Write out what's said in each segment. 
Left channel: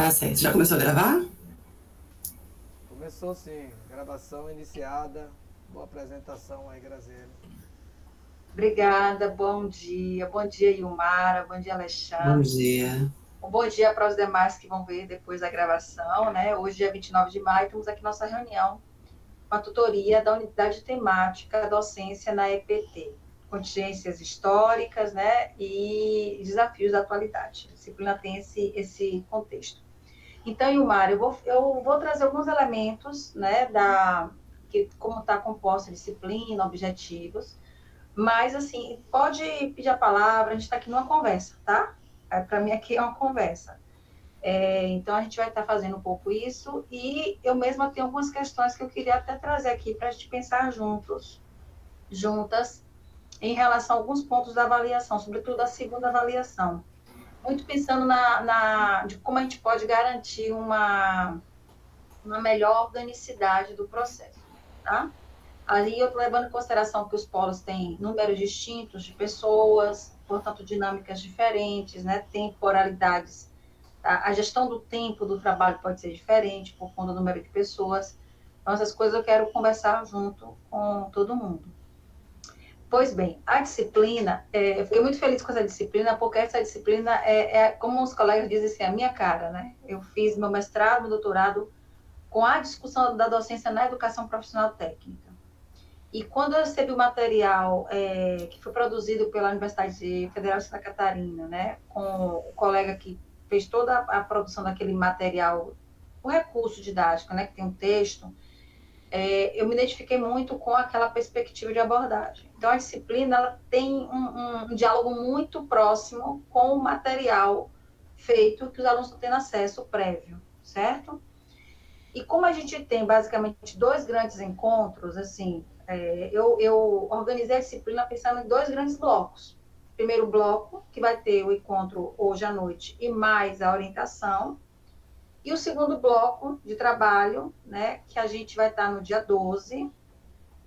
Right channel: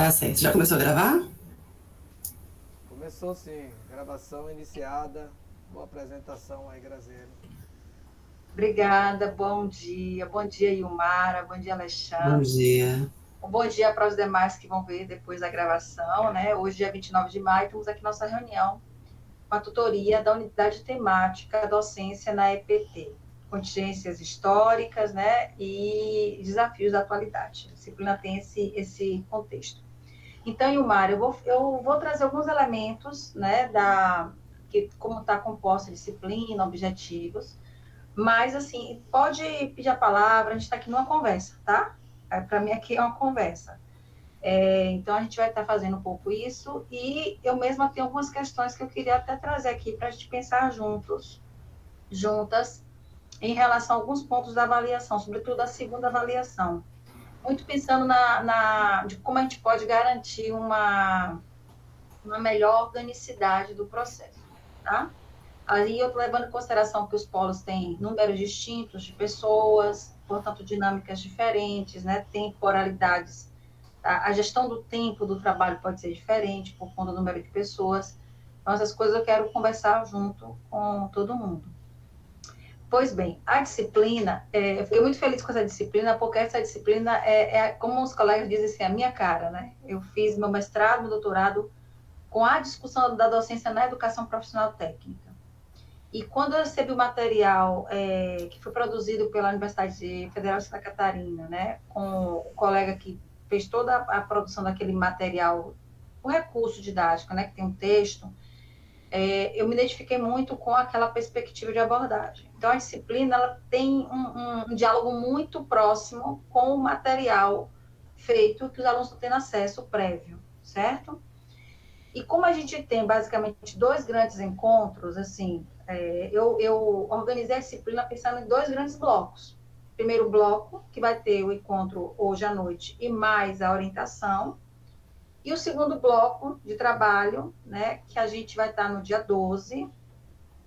Tá certo. Já começou a gravar? Começou sim, gravação iniciada. Boa apresentação aí, Graziele. Obrigada, bom dia. Bom dia, Ilmara. Bom dia, Bom Alexandre. dia. Um bom dia para os demais que vão ver depois da gravação, né? Hoje, dia 29 de maio, temos aqui nossa reunião com a tutoria da unidade temática Docência na EPT. Contingências históricas, né? E desafios da atualidade. A disciplina tem esse contexto. Então, Ilmara, eu vou trazer alguns elementos, né? Como está composta a disciplina, objetivos. Mas, assim, pode pedir a palavra, a gente está aqui numa conversa, tá? Para mim, aqui é uma conversa. Então, a gente vai estar fazendo um pouco isso, e eu mesma tenho algumas questões que eu queria até trazer aqui para a gente pensar juntas, em relação a alguns pontos da avaliação, sobretudo a segunda avaliação. Muito pensando de como a gente pode garantir uma melhor organicidade do processo, tá? Ali eu estou levando em consideração que os polos têm números distintos de pessoas, portanto, dinâmicas diferentes, né? Temporalidades. Tá? A gestão do tempo do trabalho pode ser diferente por conta do número de pessoas. Então, essas coisas eu quero conversar junto com todo mundo. Pois bem, a disciplina, eu fiquei muito feliz com essa disciplina, porque essa disciplina como os colegas dizem assim, a minha cara, né? Eu fiz meu mestrado, meu doutorado com a discussão da docência na educação profissional técnica. E quando eu recebi o material que foi produzido pela Universidade Federal de Santa Catarina, né, com o colega que fez toda a produção daquele material, o recurso didático, né, que tem um texto, eu me identifiquei muito com aquela perspectiva de abordagem. Então, a disciplina ela tem um diálogo muito próximo com o material feito que os alunos estão tendo acesso prévio, certo? E como a gente tem basicamente dois grandes encontros, assim, eu organizei a disciplina pensando em dois grandes blocos. Primeiro bloco, que vai ter o encontro hoje à noite e mais a orientação. E o segundo bloco de trabalho, né, que a gente vai estar no dia 12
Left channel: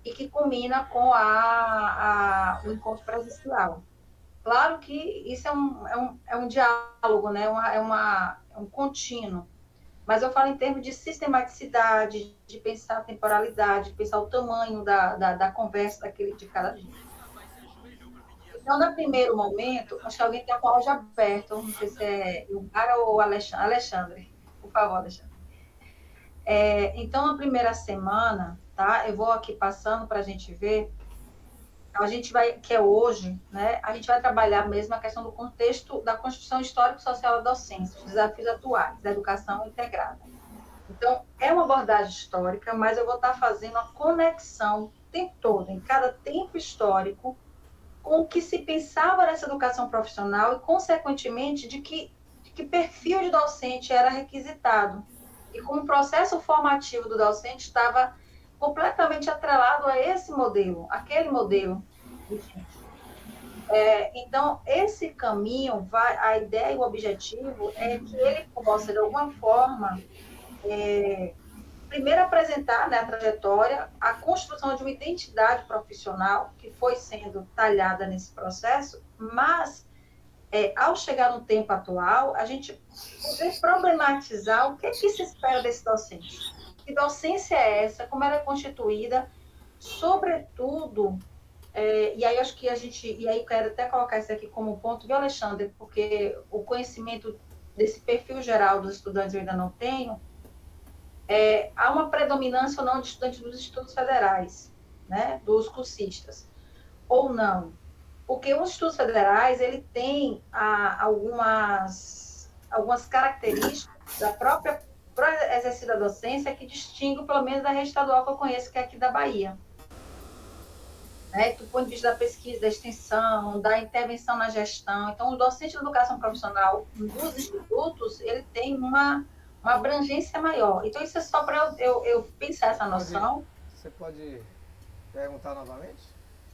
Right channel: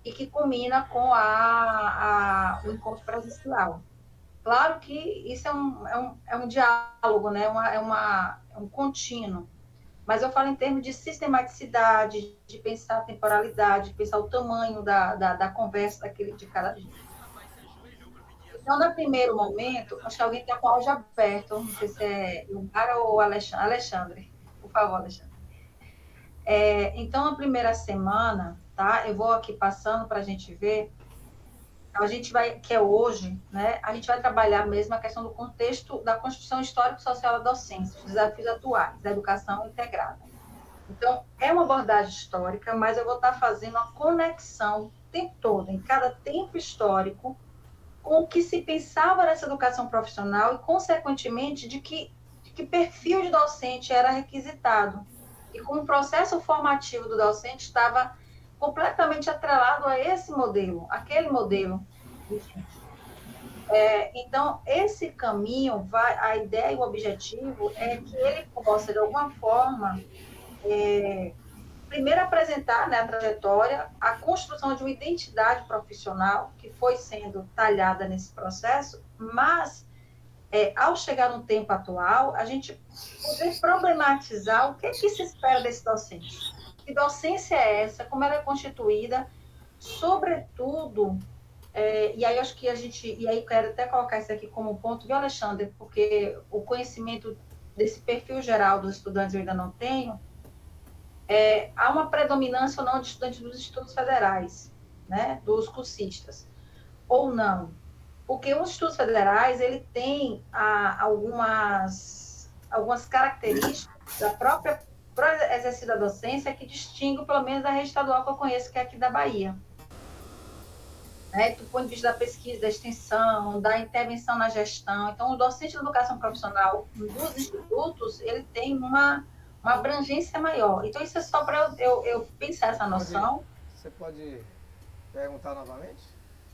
e que culmina com o encontro presencial. Claro que isso é um diálogo, né, é um contínuo. Mas eu falo em termos de sistematicidade, de pensar a temporalidade, de pensar o tamanho da conversa de cada dia. Então, no primeiro momento, acho que alguém está com o áudio aberto, não sei se é Ilmara ou Alexandre. Alexandre, por favor, Alexandre. Então, na primeira semana, tá? Eu vou aqui passando para a gente ver. A gente vai, que é hoje, né? A gente vai trabalhar mesmo a questão do contexto da construção histórico-social da docência, os desafios atuais da educação integrada. Então, é uma abordagem histórica, mas eu vou estar fazendo a conexão o tempo todo, em cada tempo histórico, com o que se pensava nessa educação profissional e, consequentemente, de que perfil de docente era requisitado. E como o processo formativo do docente estava completamente atrelado a esse modelo, aquele modelo. Então, esse caminho, a ideia e o objetivo é que ele possa, de alguma forma, primeiro apresentar, né, a trajetória, a construção de uma identidade profissional que foi sendo talhada nesse processo, mas, ao chegar no tempo atual, a gente poder problematizar o que se espera desse docente. Que docência é essa? Como ela é constituída? Sobretudo, e aí acho que e aí eu quero até colocar isso aqui como ponto, viu, Alexandre? Porque o conhecimento desse perfil geral dos estudantes eu ainda não tenho, há uma predominância ou não de estudantes dos institutos federais, né, dos cursistas, ou não. Porque os institutos federais, ele tem algumas características da própria exercício da docência que distingue, pelo menos, da rede estadual que eu conheço, que é aqui da Bahia. Do ponto de vista da pesquisa, da extensão, da intervenção na gestão. Então, o docente de educação profissional dos institutos, ele tem uma abrangência maior. Então, isso é só para eu pensar essa noção. Você pode perguntar novamente?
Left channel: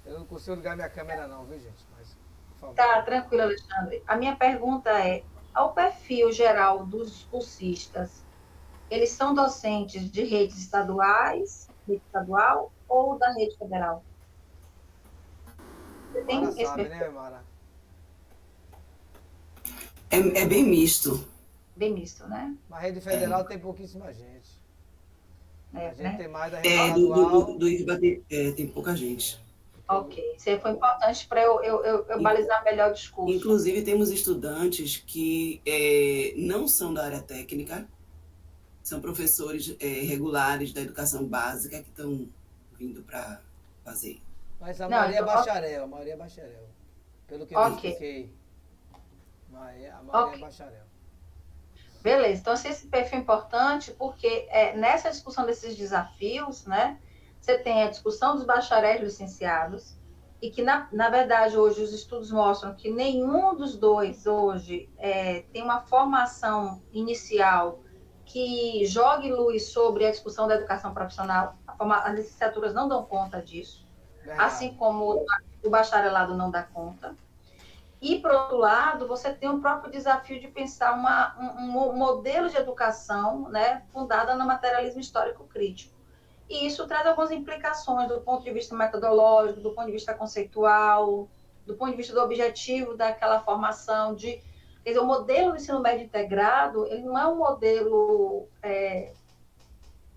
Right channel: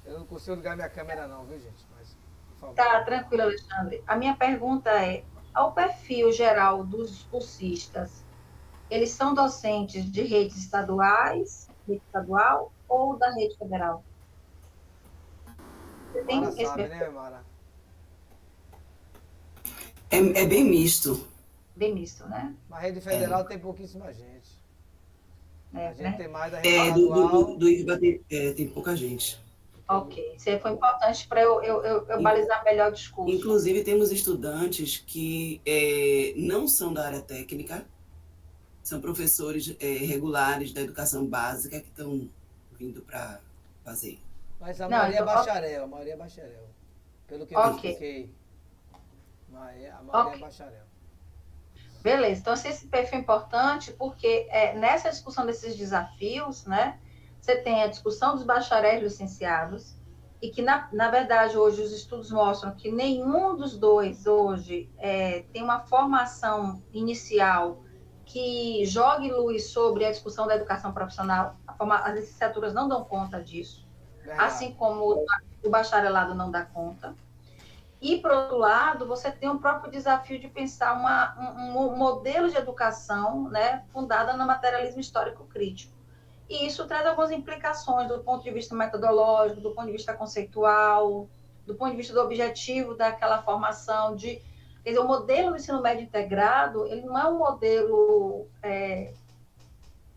Eu não consigo ligar minha câmera não, viu, gente? Mas, por favor. Tá, tranquilo, Alexandre. A minha pergunta é, ao perfil geral dos cursistas, eles são docentes de redes estaduais, rede estadual, ou da rede federal? Você Mara tem esse sabe, perfil? né, Mara? É bem misto. bem misto, né? Mas rede federal tem pouquíssima gente. A gente Né? tem mais da rede Do estadual. IFBA tem pouca gente. Ok, isso aí foi importante para eu balizar melhor o discurso. Inclusive, temos estudantes que não são da área técnica, são professores regulares da educação básica que estão vindo para fazer. Mas a Não, maioria é então, bacharel, a maioria é bacharel. Pelo que eu ok, identifiquei, a maioria é ok. bacharel. Beleza, então esse perfil é importante porque nessa discussão desses desafios, né, você tem a discussão dos bacharéis licenciados e que, na verdade, hoje os estudos mostram que nenhum dos dois hoje tem uma formação inicial que jogue luz sobre a discussão da educação profissional. As licenciaturas não dão conta disso, Verdade. assim como o bacharelado não dá conta. E, por outro lado, você tem o próprio desafio de pensar um modelo de educação, né, fundada no materialismo histórico crítico. E isso traz algumas implicações do ponto de vista metodológico, do ponto de vista conceitual, do ponto de vista do objetivo daquela formação. Quer dizer, o modelo do ensino médio integrado, ele não é um modelo,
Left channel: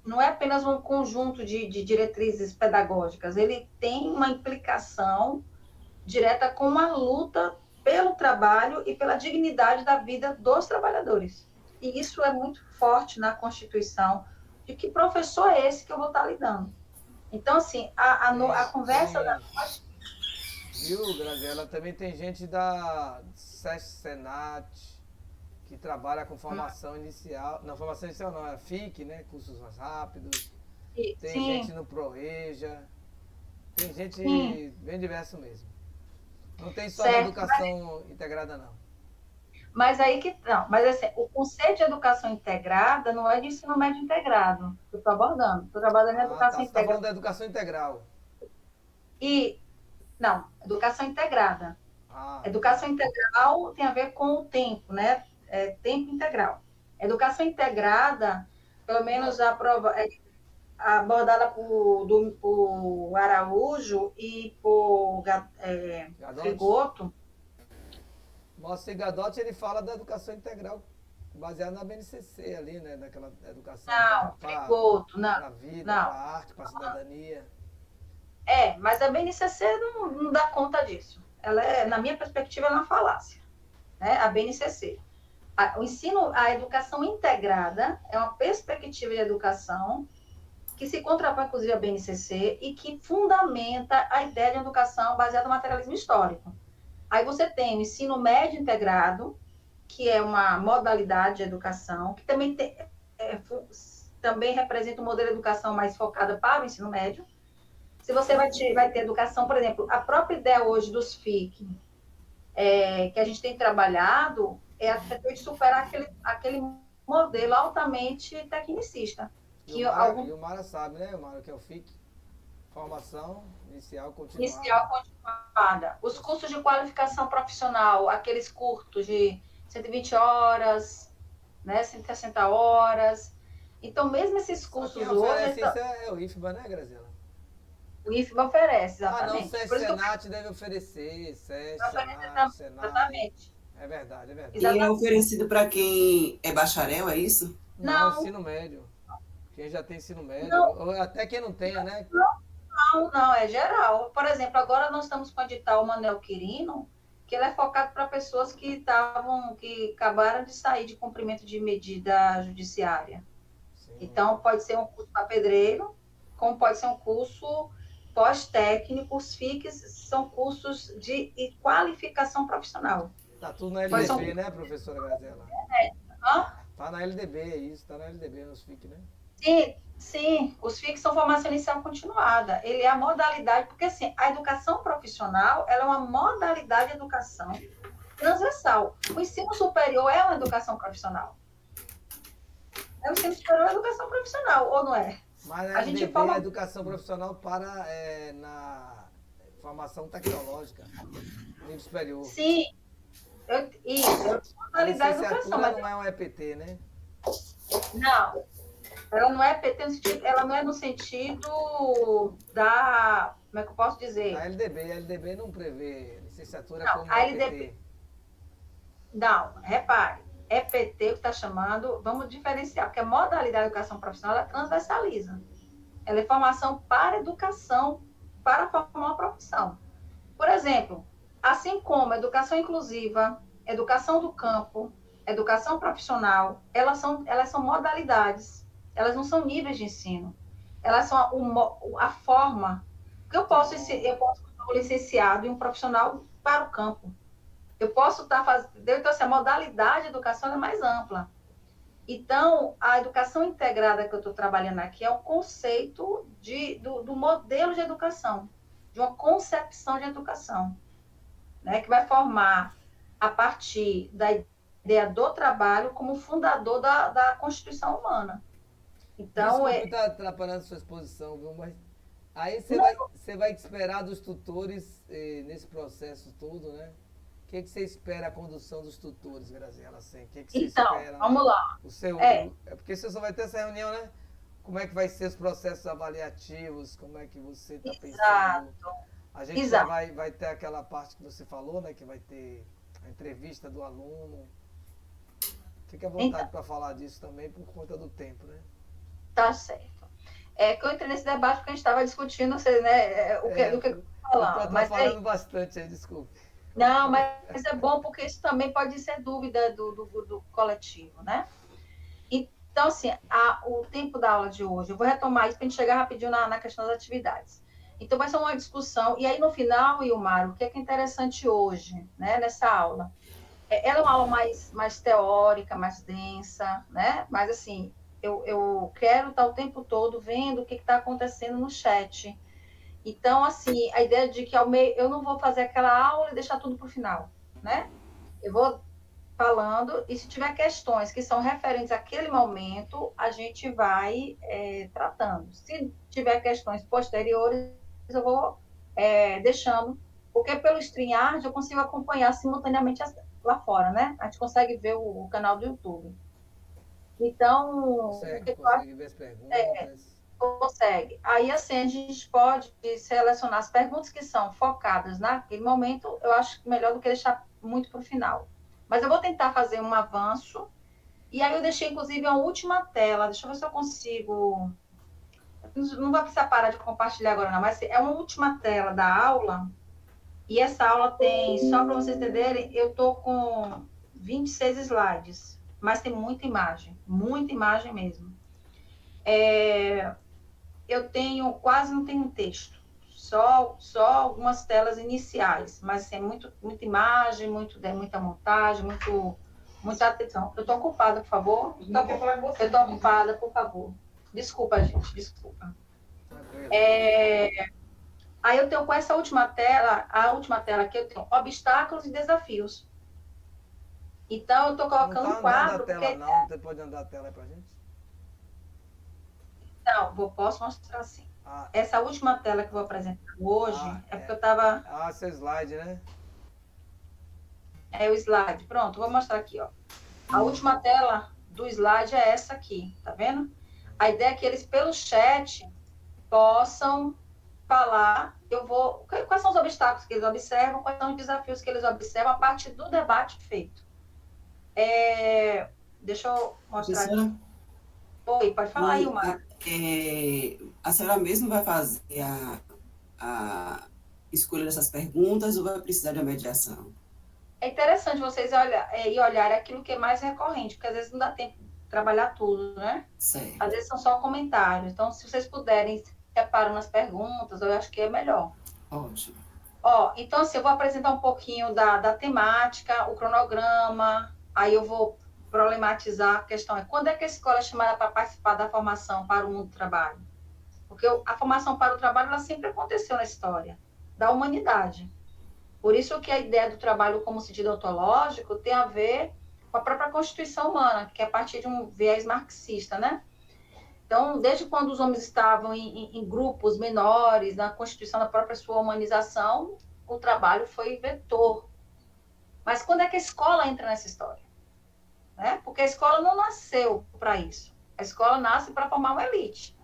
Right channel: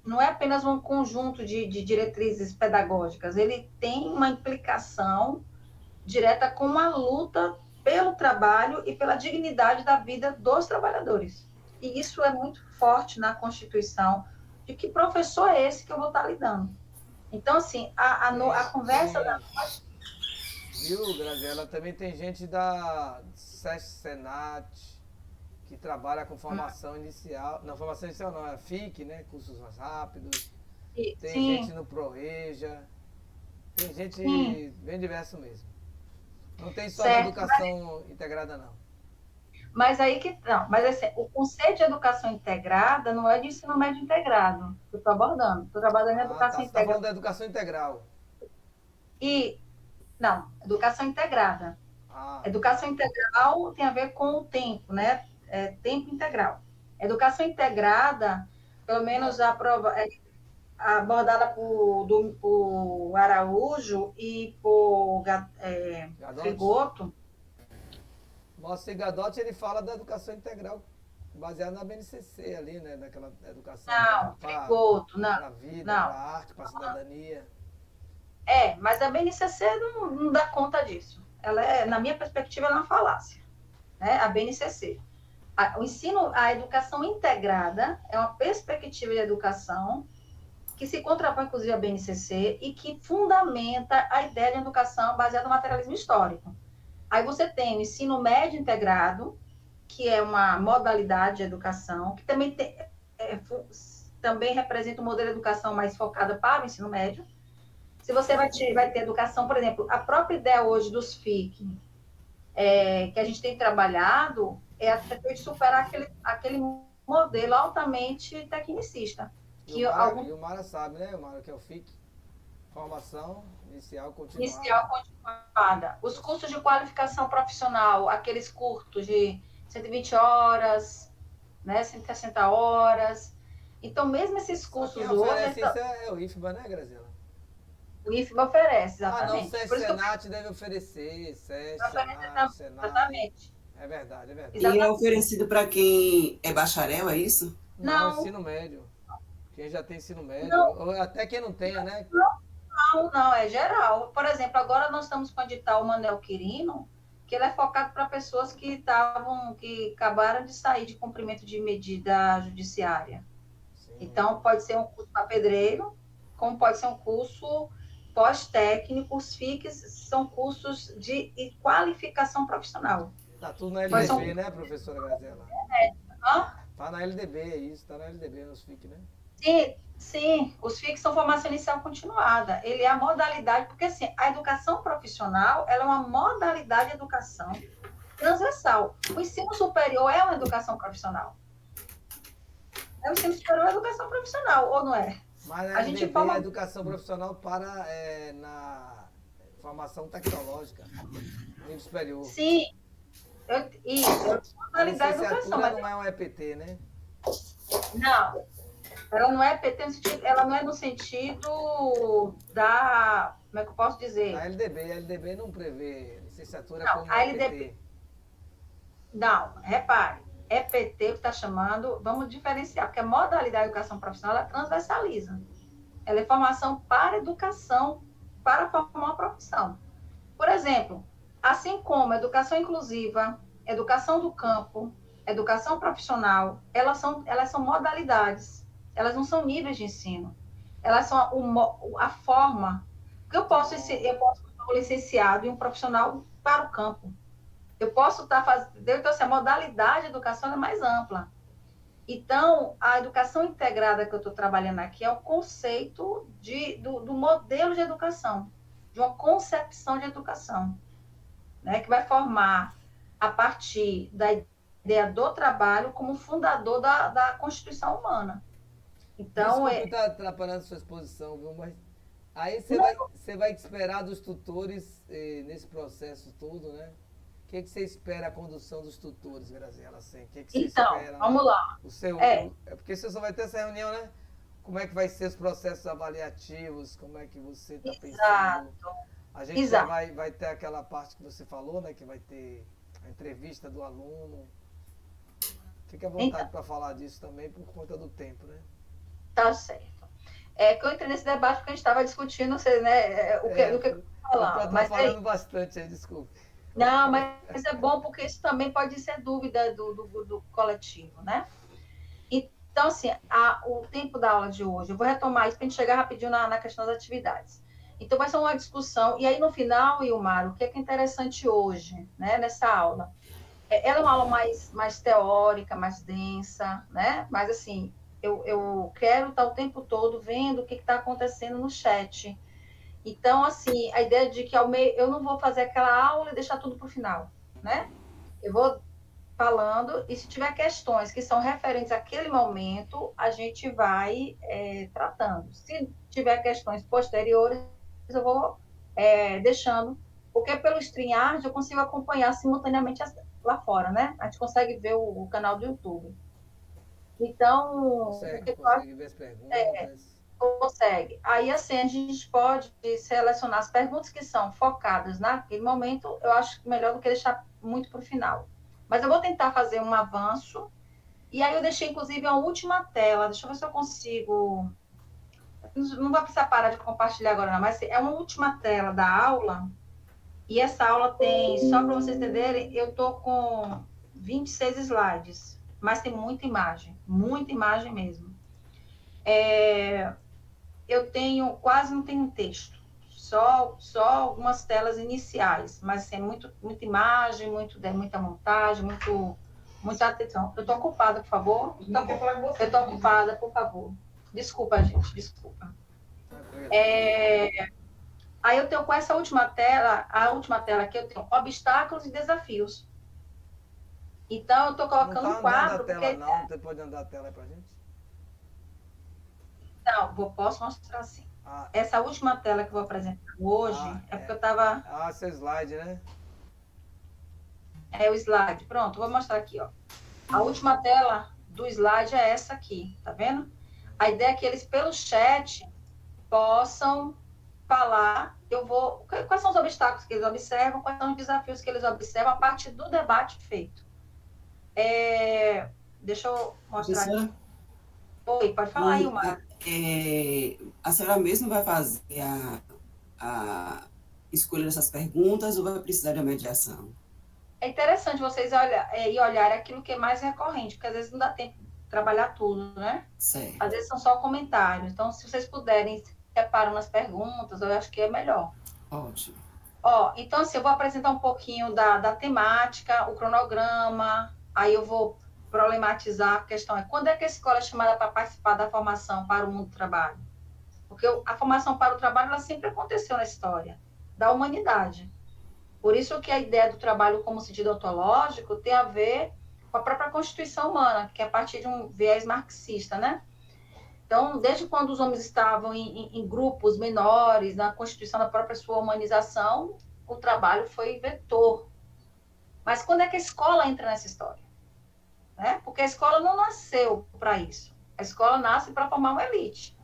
não é apenas um conjunto de diretrizes pedagógicas, ele tem uma implicação direta com uma luta pelo trabalho e pela dignidade da vida dos trabalhadores. E isso é muito forte na Constituição, de que professor é esse que eu vou estar lidando. Então, assim, a conversa da... Viu, Graziela? Também tem gente da SESC Senat que trabalha com formação inicial. Não, formação inicial não, é FIC, né? Cursos mais rápidos. Tem Sim, gente no ProReja. Tem gente sim, bem diverso mesmo. Não tem só da certo. educação integrada, não. Mas aí que não, mas assim, o conceito de educação integrada não é de ensino médio integrado que eu estou abordando. Estou trabalhando em Ah, tá. educação Você está falando integrada. da educação integral. E, não, educação integrada. Ah, tá. Educação integral tem a ver com o tempo, né? Tempo integral. Educação integrada, pelo menos Não, abordada por Araújo e por Gadotti. Frigoto. Moacir Gadotti, ele fala da educação integral, baseada na BNCC ali, né? Daquela educação Não, Frigoto, não, para a vida, para não. a arte, para a cidadania. Mas a BNCC não dá conta disso. Ela na minha perspectiva, é uma falácia, né? A BNCC. A educação integrada é uma perspectiva de educação que se contrapõe, inclusive, à BNCC e que fundamenta a ideia de educação baseada no materialismo histórico. Aí você tem o ensino médio integrado, que é uma modalidade de educação, que também representa um modelo de educação mais focada para o ensino médio. Se você vai ter educação, por exemplo, a própria ideia hoje dos FIC, que a gente tem trabalhado, é a de superar aquele modelo altamente tecnicista. E o Mara sabe, né? O Mara que é o FIC. Formação inicial continuada. Inicial continuada. Os cursos de qualificação profissional, aqueles curtos de 120 horas, né, 160 horas. Então, mesmo esses Só quem cursos hoje, oferece isso é o IFBA, né, Graziela? o IFBA oferece, Ah, não, exatamente. SESC Por isso que eu Senat deve oferecer. SESC, oferece Senat, Senai. exatamente. É verdade, é verdade. E é Exatamente. oferecido para quem é bacharel, é isso? Não, Não, ensino médio. Quem já tem ensino médio, não, ou até quem não tenha, né? não, é geral. Por exemplo, agora nós estamos com o edital Manuel Quirino, que ele é focado para pessoas que acabaram de sair de cumprimento de medida judiciária. Sim. Então, pode ser um curso para pedreiro, como pode ser um curso pós-técnico. Os FICs são cursos de qualificação profissional. Tá tudo na Pode ser LDB, né, professora Graziela? Hã? Tá na LDB, é isso, tá na LDB nos FIC, né? Sim, sim, os FICs são formação inicial continuada. Ele é a modalidade, porque assim, a educação profissional, ela é uma modalidade de educação transversal. O ensino superior é uma educação profissional. O ensino superior é educação profissional, ou não é? Mas a A gente LDB é a forma. educação profissional para na formação tecnológica, nível superior. Sim, isso, é uma A modalidade de educação, licenciatura mas não é um EPT, né? não, ela não é PT no sentido, ela não é no sentido da, como é que eu posso dizer? Da LDB, a LDB não prevê licenciatura Não, como a LDB, EPT. não, repare, EPT, que está chamando, vamos diferenciar, porque a modalidade de educação profissional ela transversaliza. Ela é formação para educação, para formar uma profissão. Por exemplo, assim como educação inclusiva, educação do campo, educação profissional, elas são modalidades, elas não são níveis de ensino. Elas são a forma que eu posso ser um licenciado e um profissional para o campo. Eu posso estar fazendo. Então, assim, a modalidade de educação é mais ampla. Então, a educação integrada que eu estou trabalhando aqui é o conceito do modelo de educação, de uma concepção de educação, né, que vai formar a partir da ideia do trabalho como fundador da Constituição humana. Então, Desculpe estar atrapalhando a sua exposição, viu? Mas aí você vai esperar dos tutores nesse processo todo, né? O que você espera a condução dos tutores, Graziela? Assim? O que você então, espera? vamos lá. É porque você só vai ter essa reunião, né? Como é que vai ser os processos avaliativos? Como é que você está pensando? A gente já vai ter aquela parte que você falou, né? Que vai ter a entrevista do aluno. Fique à vontade para falar disso também por conta do tempo, né? Tá certo. É que eu entrei nesse debate porque a gente estava discutindo, né, o que eu estou atrapalhando bastante aí, desculpe. Não, mas é bom porque isso também pode ser dúvida do coletivo, né? Então, assim, o tempo da aula de hoje, eu vou retomar isso para a gente chegar rapidinho na questão das atividades. Então, vai ser uma discussão, e aí no final, Ilmar, o que é interessante hoje, né, nessa aula? Ela é uma aula mais teórica, mais densa, né? Mas, assim, eu quero estar o tempo todo vendo o que está acontecendo no chat. Então, assim, a ideia de que eu não vou fazer aquela aula e deixar tudo para o final, né? Eu vou falando, e se tiver questões que são referentes àquele momento, a gente vai tratando. Se tiver questões posteriores, eu vou deixando, porque pelo StreamYard eu consigo acompanhar simultaneamente lá fora, né? A gente consegue ver o canal do YouTube. Então, consegue ver as perguntas. Consegue. Aí, assim, a gente pode selecionar as perguntas que são focadas naquele momento, eu acho melhor do que deixar muito para o final. Mas eu vou tentar fazer um avanço. E aí eu deixei, inclusive, a última tela. Deixa eu ver se eu consigo... Não vai precisar parar de compartilhar agora, não. Mas é uma última tela da aula. E essa aula tem, só para vocês entenderem, eu estou com 26 slides. Mas tem muita imagem mesmo. Eu tenho, quase não tenho texto. Só algumas telas iniciais, mas assim, muita imagem, muita montagem, muita atenção. Eu estou ocupada, por favor. Eu estou ocupada, por favor. Desculpa, gente, desculpa. Aí eu tenho com essa última tela, a última tela aqui, eu tenho obstáculos e desafios. Então, eu estou colocando não um quadro... Não tela, não. Você pode andar a tela aí para a gente? Não, posso mostrar assim. Essa última tela que eu vou apresentar hoje porque eu estava... seu slide, né? É o slide. Pronto, vou mostrar aqui, ó. A última tela do slide é essa aqui, tá vendo? A ideia é que eles, pelo chat, possam falar. Quais são os obstáculos que eles observam, quais são os desafios que eles observam a partir do debate feito. Deixa eu mostrar aqui. Oi, pode falar aí, Mar. A senhora mesmo vai fazer a escolha dessas perguntas ou vai precisar de uma mediação? É interessante vocês olharem aquilo que é mais recorrente, porque às vezes não dá tempo de trabalhar tudo, né? Certo. Às vezes são só comentários. Então, se vocês puderem, separam nas perguntas, eu acho que é melhor. Ótimo. Então, assim, eu vou apresentar um pouquinho da temática, o cronograma, aí eu vou problematizar a questão. Quando é que a escola é chamada para participar da formação para o mundo do trabalho? Porque a formação para o trabalho, ela sempre aconteceu na história da humanidade. Por isso que a ideia do trabalho como sentido ontológico tem a ver com a própria constituição humana, que é a partir de um viés marxista, né? Então, desde quando os homens estavam em grupos menores, na constituição da própria sua humanização, o trabalho foi vetor. Mas quando é que a escola entra nessa história? Né? Porque a escola não nasceu para isso. A escola nasce para formar uma elite.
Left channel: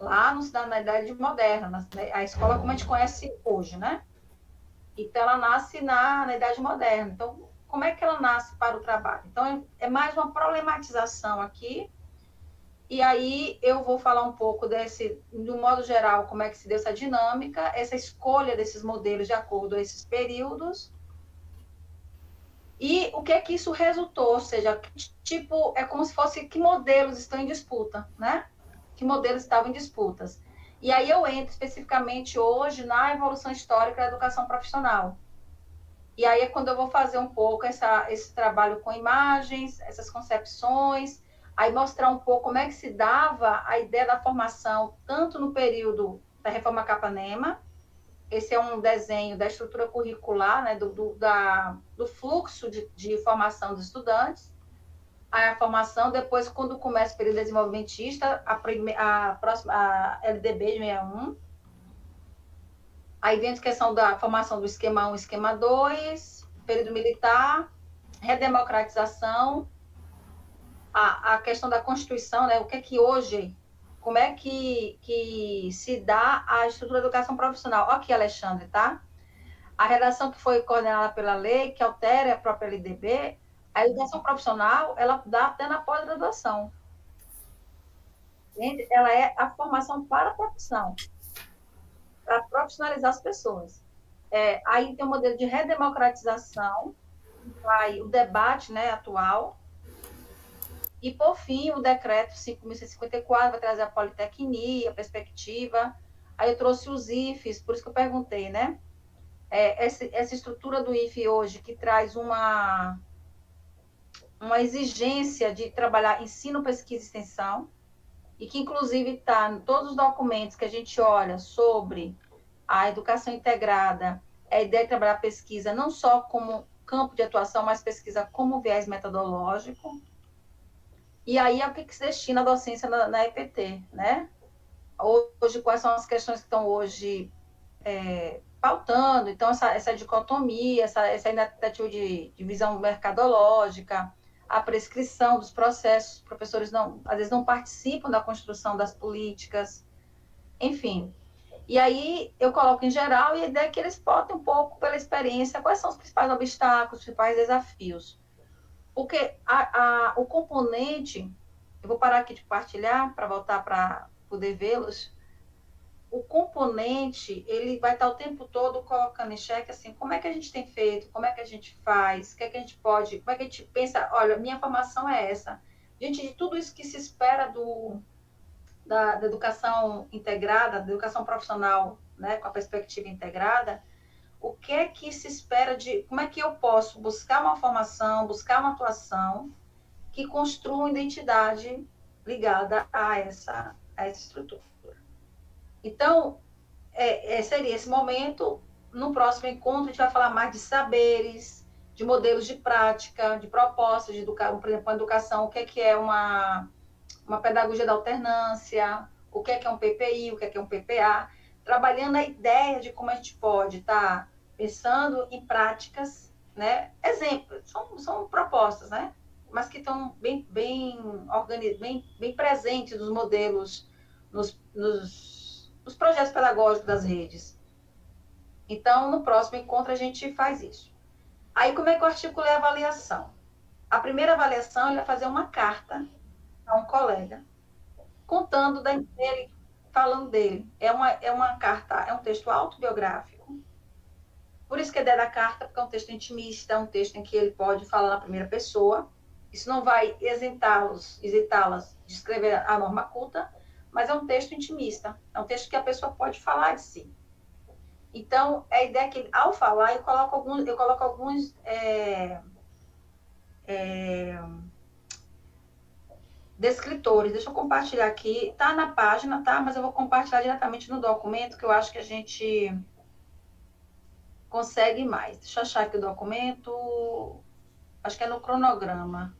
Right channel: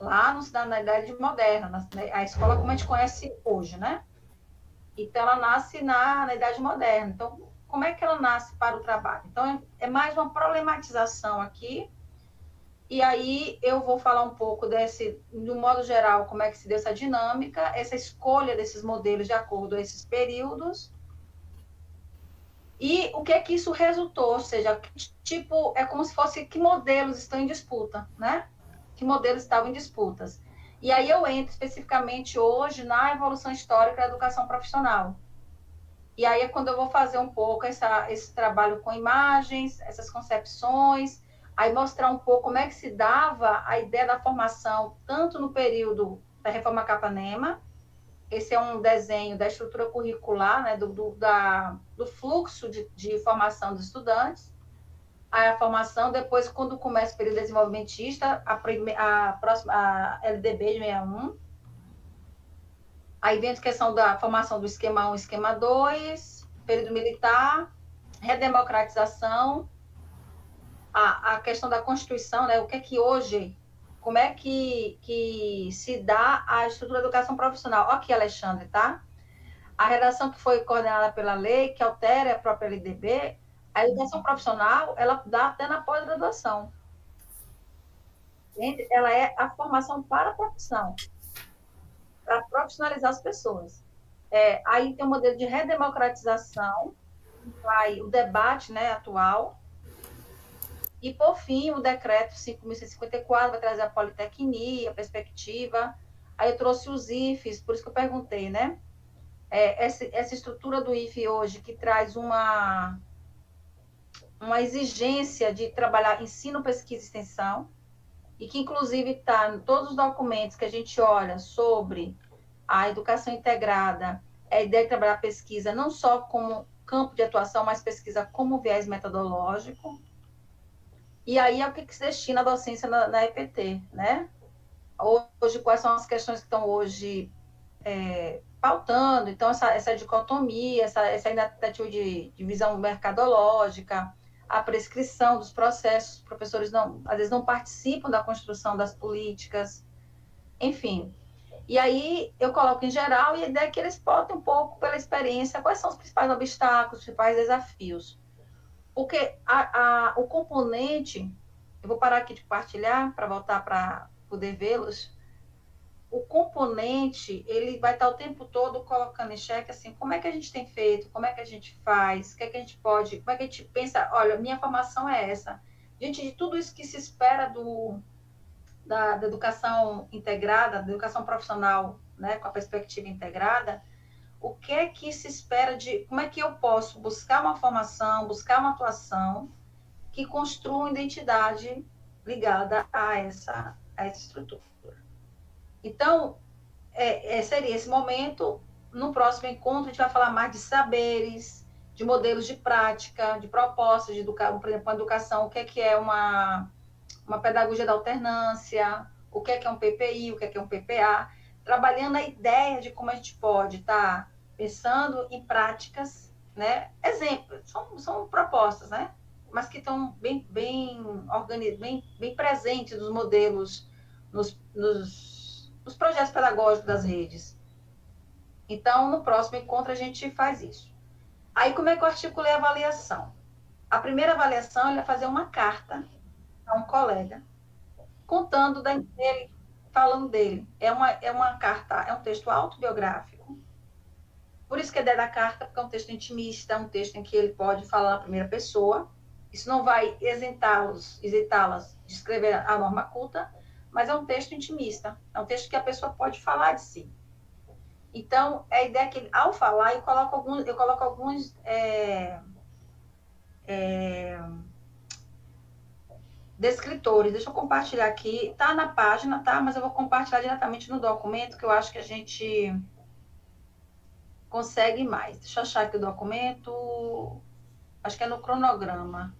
Lá na Idade Moderna, a escola como a gente conhece hoje, né? Então, ela nasce na Idade Moderna. Então, como é que ela nasce para o trabalho. Então, é mais uma problematização aqui. E aí eu vou falar um pouco desse, de um modo geral, como é que se deu essa dinâmica, essa escolha desses modelos de acordo com esses períodos, e o que é que isso resultou, ou seja, tipo, é como se fosse que modelos estão em disputa, né? Que modelos estavam em disputas. E aí eu entro especificamente hoje na evolução histórica da educação profissional. E aí é quando eu vou fazer um pouco esse trabalho com imagens, essas concepções, aí mostrar um pouco como é que se dava a ideia da formação, tanto no período da Reforma Capanema. Esse é um desenho da estrutura curricular, né, do fluxo de formação dos estudantes. Aí a formação, depois, quando começa o período desenvolvimentista, a LDB de 61. Aí vem a questão da formação do esquema 1 e esquema 2, período militar, redemocratização, a questão da Constituição, né, o que é que hoje, como é que se dá a estrutura da educação profissional. Olha aqui, Alexandre, tá? A redação que foi coordenada pela lei, que altera a própria LDB, a educação profissional, ela dá até na pós-graduação. Ela é a formação para a profissão, para profissionalizar as pessoas. Aí tem o modelo de redemocratização, vai o debate, né, atual, e, por fim, o decreto 5.154 vai trazer a politecnia, a perspectiva. Aí eu trouxe os IFES, por isso que eu perguntei, né? Essa estrutura do IFE hoje, que traz uma exigência de trabalhar ensino, pesquisa e extensão, e que, inclusive, está em todos os documentos que a gente olha sobre a educação integrada, é a ideia de trabalhar pesquisa não só como campo de atuação, mas pesquisa como viés metodológico. E aí é o que se destina a docência na EPT, né? Hoje, quais são as questões que estão hoje pautando? Então, essa dicotomia, essa tentativa de visão mercadológica, a prescrição dos processos, os professores às vezes não participam da construção das políticas, enfim. E aí eu coloco em geral, e a ideia é que eles botem um pouco pela experiência quais são os principais obstáculos, os principais desafios. Porque o componente, eu vou parar aqui de compartilhar para voltar para poder vê-los. O componente, ele vai estar o tempo todo colocando em xeque, assim, como é que a gente tem feito, como é que a gente faz, o que é que a gente pode, como é que a gente pensa, olha, minha formação é essa. Diante de tudo isso que se espera da educação integrada, da educação profissional, né, com a perspectiva integrada, o que é que se espera como é que eu posso buscar uma formação, buscar uma atuação que construa uma identidade ligada a essa estrutura. Então, seria esse momento. No próximo encontro, a gente vai falar mais de saberes, de modelos de prática, de propostas de educação, por exemplo, a educação, o que é uma pedagogia da alternância, o que é um PPI, o que é um PPA, trabalhando a ideia de como a gente pode estar pensando em práticas, né? Exemplos, são propostas, né? Mas que estão bem presentes nos modelos, nos projetos pedagógicos das redes. Então, no próximo encontro, a gente faz isso. Aí, como é que eu articulei a avaliação? A primeira avaliação, ele vai fazer uma carta a um colega, contando dele, falando dele. É uma carta, é um texto autobiográfico. Por isso que é da carta, porque é um texto intimista, é um texto em que ele pode falar na primeira pessoa. Isso não vai isentá-las de escrever a norma culta, mas é um texto intimista. É um texto que a pessoa pode falar de si. Então, a ideia é que, ao falar, eu coloco alguns descritores. Deixa eu compartilhar aqui. Está na página, tá? Mas eu vou compartilhar diretamente no documento, que eu acho que a gente consegue mais. Deixa eu achar aqui o documento. Acho que é no cronograma.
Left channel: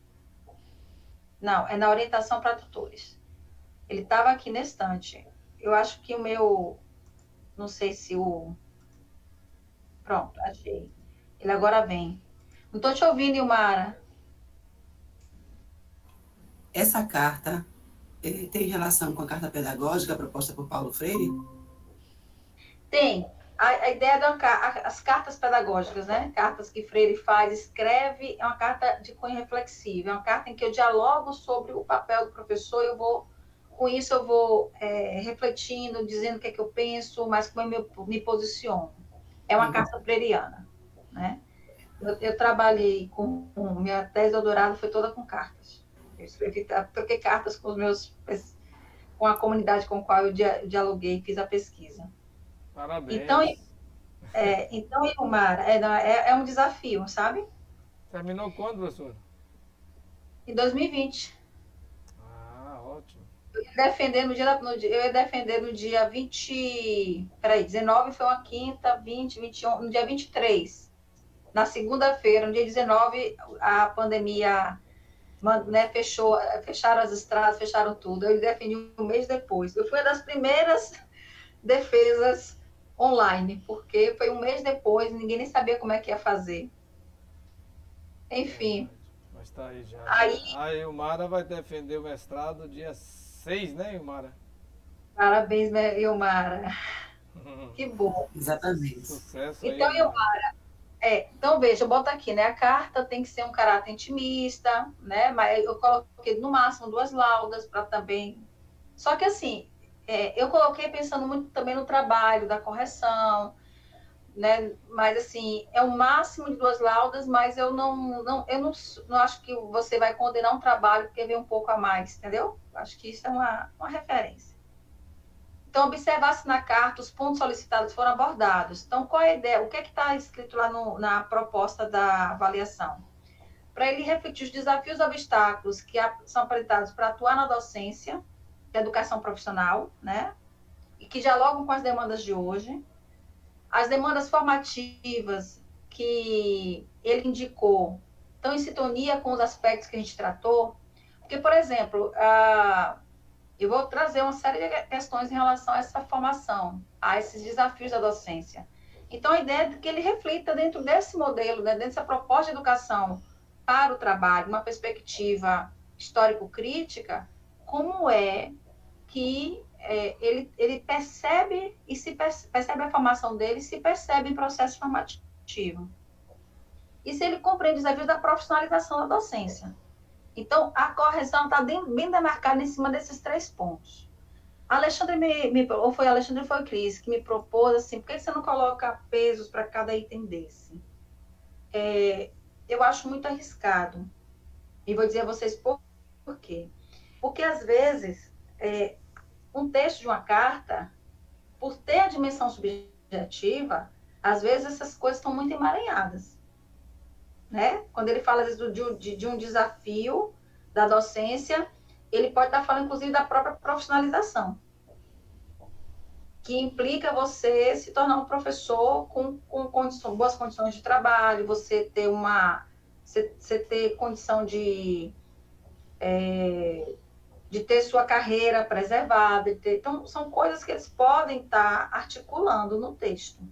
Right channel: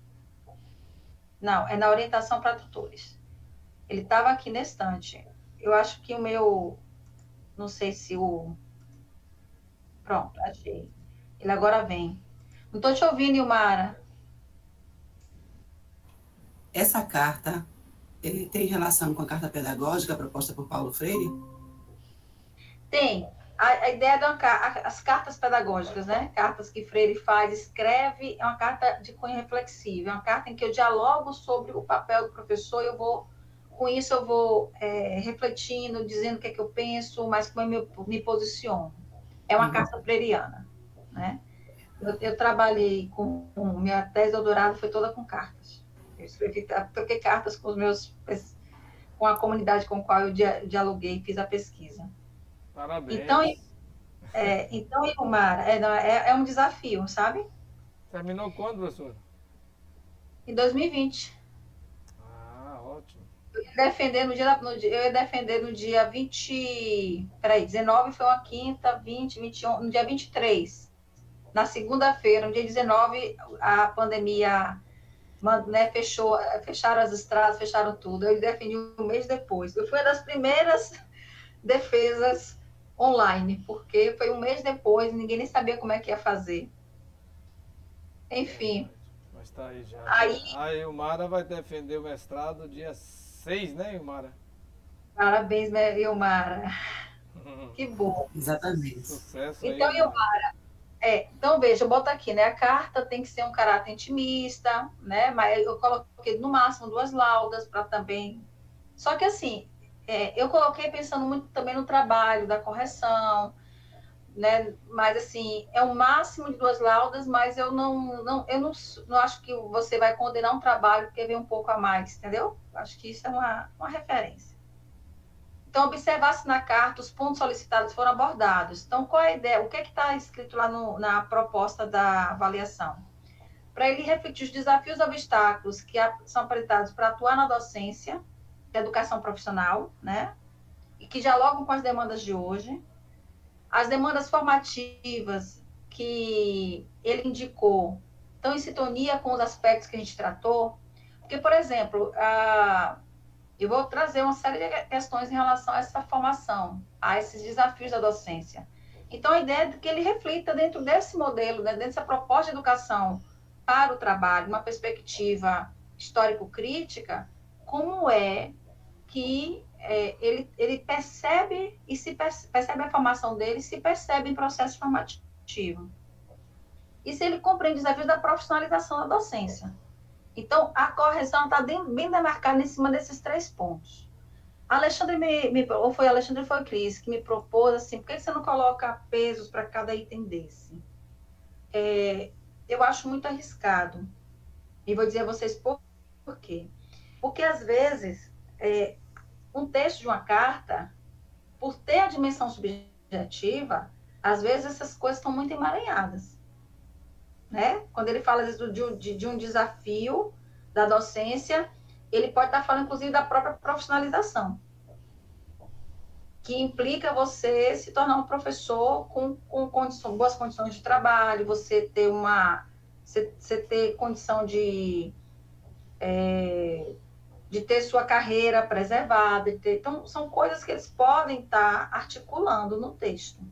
Não, é na orientação para tutores. Ele estava aqui na estante. Eu acho que o meu... Não sei se o... Pronto, achei. Ele agora vem. Não estou te ouvindo, Ilmara. Essa carta tem relação com a carta pedagógica proposta por Paulo Freire? Tem. a ideia as cartas pedagógicas, né? Cartas que Freire faz, escreve, é uma carta de cunho reflexivo, é uma carta em que eu dialogo sobre o papel do professor, com isso eu vou refletindo, dizendo o que é que eu penso, mas como eu me posiciono. É uma carta freiriana, né? Eu trabalhei minha tese de doutorado foi toda com cartas. Eu escrevi, troquei cartas com a comunidade com a qual eu dialoguei e fiz a pesquisa. Então, Parabéns. então Ilmar, é um desafio, sabe? Terminou quando, professor? Em 2020. Ah, ótimo. Eu ia defender no dia 20. Peraí, 19 foi uma quinta, 20, 21. No dia 23. Na segunda-feira, no dia 19, a pandemia, né, fecharam as estradas, fecharam tudo. Eu defendi um mês depois. Eu fui uma das primeiras defesas online, porque foi um mês depois, ninguém nem sabia como é que ia fazer. Enfim, Verdade. Mas tá aí já, aí, né? A Ilmara vai defender o mestrado dia 6, né, Ilmara? parabéns, Ilmara. Que bom. Exatamente. Sucesso aí, Então, Ilmara. então, veja, eu boto aqui, né? A carta tem que ser um caráter intimista, né? Mas eu coloquei no máximo 2 laudas para também. Só que assim, eu coloquei pensando muito também no trabalho da correção, né? Mas assim, é o máximo de 2 laudas, mas eu não acho que você vai condenar um trabalho porque vem um pouco a mais, entendeu? Acho que isso é uma referência. Então, observar se na carta os pontos solicitados foram abordados. Então, qual é a ideia? O que é que está escrito lá na proposta da avaliação? Para ele refletir os desafios e obstáculos que são apresentados para atuar na docência, da educação profissional, né? E que dialogam com as demandas de hoje. As demandas formativas que ele indicou estão em sintonia com os aspectos que a gente tratou. Porque, por exemplo, eu vou trazer uma série de questões em relação a essa formação, a esses desafios da docência. Então, a ideia é que ele reflita dentro desse modelo, né, dentro dessa proposta de educação para o trabalho, uma perspectiva histórico-crítica, como é que ele percebe e percebe a formação dele, se percebe em processo formativo. E se ele compreende os desafios da profissionalização da docência. Então, a correção está bem demarcada em cima desses 3 pontos. Alexandre ou foi Alexandre ou foi Cris que me propôs assim, por que você não coloca pesos para cada item desse? Eu acho muito arriscado. E vou dizer a vocês por quê. Porque, às vezes, um texto de uma carta, por ter a dimensão subjetiva, às vezes essas coisas estão muito emaranhadas. Né? Quando ele fala às vezes, de um desafio da docência, ele pode estar falando, inclusive, da própria profissionalização, que implica você se tornar um professor com boas condições de trabalho, você ter condição de ter sua carreira preservada. Então, são coisas que eles podem estar articulando no texto.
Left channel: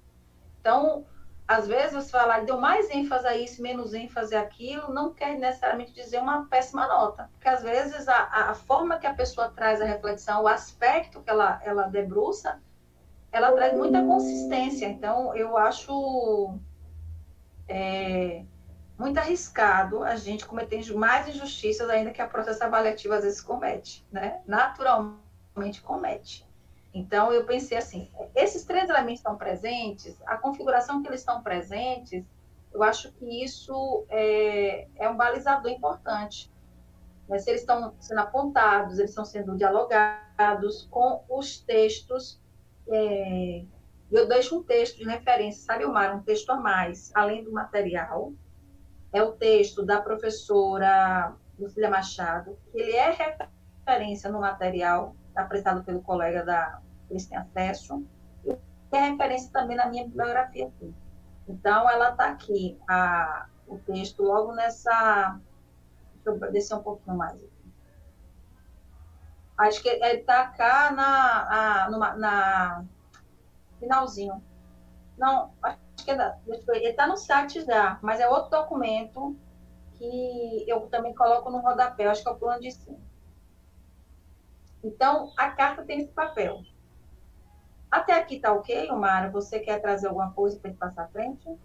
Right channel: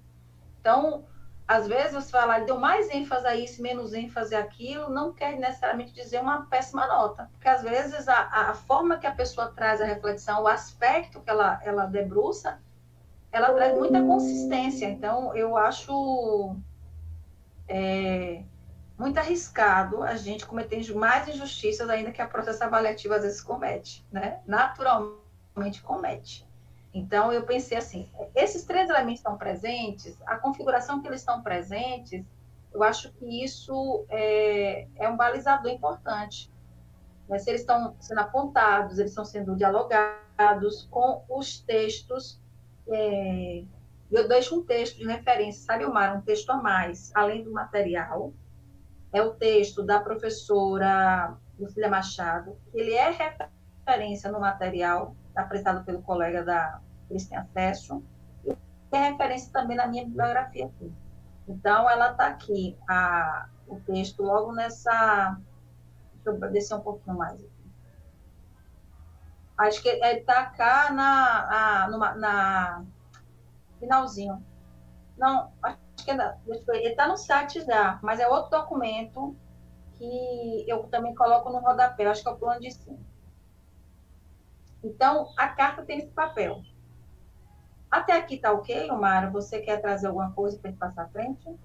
Então, às vezes você fala, deu mais ênfase a isso, menos ênfase àquilo, não quer necessariamente dizer uma péssima nota. Porque, às vezes, a forma que a pessoa traz a reflexão, o aspecto que ela debruça, ela traz muita consistência. Então, eu acho muito arriscado a gente cometer mais injustiças ainda que a processo avaliativo às vezes comete, né? Naturalmente comete. Então, eu pensei assim, esses 3 elementos estão presentes, a configuração que eles estão presentes, eu acho que isso é um balizador importante. Mas se eles estão sendo apontados, eles estão sendo dialogados com os textos. Eu deixo um texto de referência, sabe, Omar? Um texto a mais, além do material. É o texto da professora Lucília Machado. Ele é referência no material apresentado pelo colega que eles têm acesso, e é referência também na minha bibliografia aqui. Então, ela está aqui, o texto, logo nessa. Deixa eu descer um pouquinho mais aqui. Acho que ele está cá na finalzinho. Não, acho que ele está no site já, mas é outro documento que eu também coloco no rodapé, acho que é o plano de cima. Então, a carta tem esse papel. Até aqui tá ok, Omara? Você quer trazer alguma coisa para a gente passar à frente?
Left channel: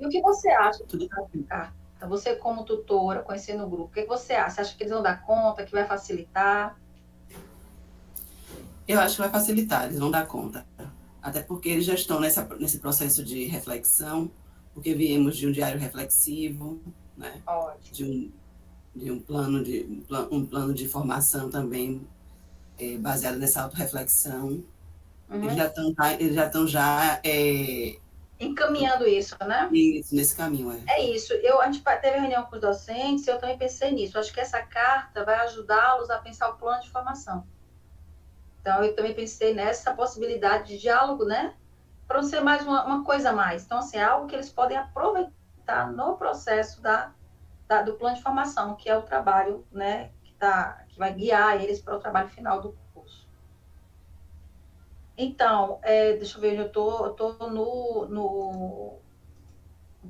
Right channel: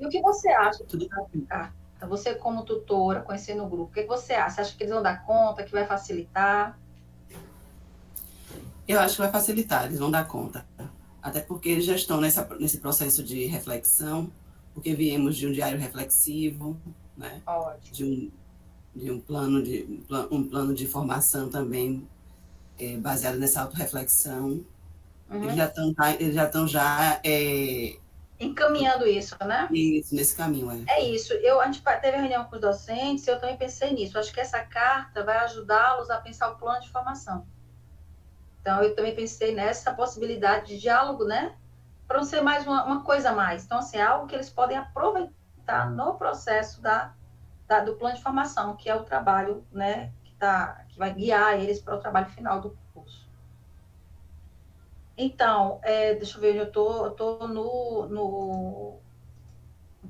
E o que você acha Tudo dessa tranquilo. carta? Você, como tutora, conhecendo o grupo, o que você acha? Você acha que eles vão dar conta, que vai facilitar? Eu acho que vai facilitar, eles vão dar conta. Até porque eles já estão nesse processo de reflexão, porque viemos de um diário reflexivo, né? Ótimo. de, um, de um plano de formação também baseado nessa autorreflexão. Uhum. Eles já estão já Encaminhando isso, né? nesse caminho. É isso. A gente teve reunião com os docentes e eu também pensei nisso. Acho que essa carta vai ajudá-los a pensar o plano de formação. Então, eu também pensei nessa possibilidade de diálogo, né? Para não ser mais uma coisa a mais. Então, assim, é algo que eles podem aproveitar no processo do plano de formação, que é o trabalho, né? Que vai guiar eles para o trabalho final do curso. Então, deixa eu ver, eu tô no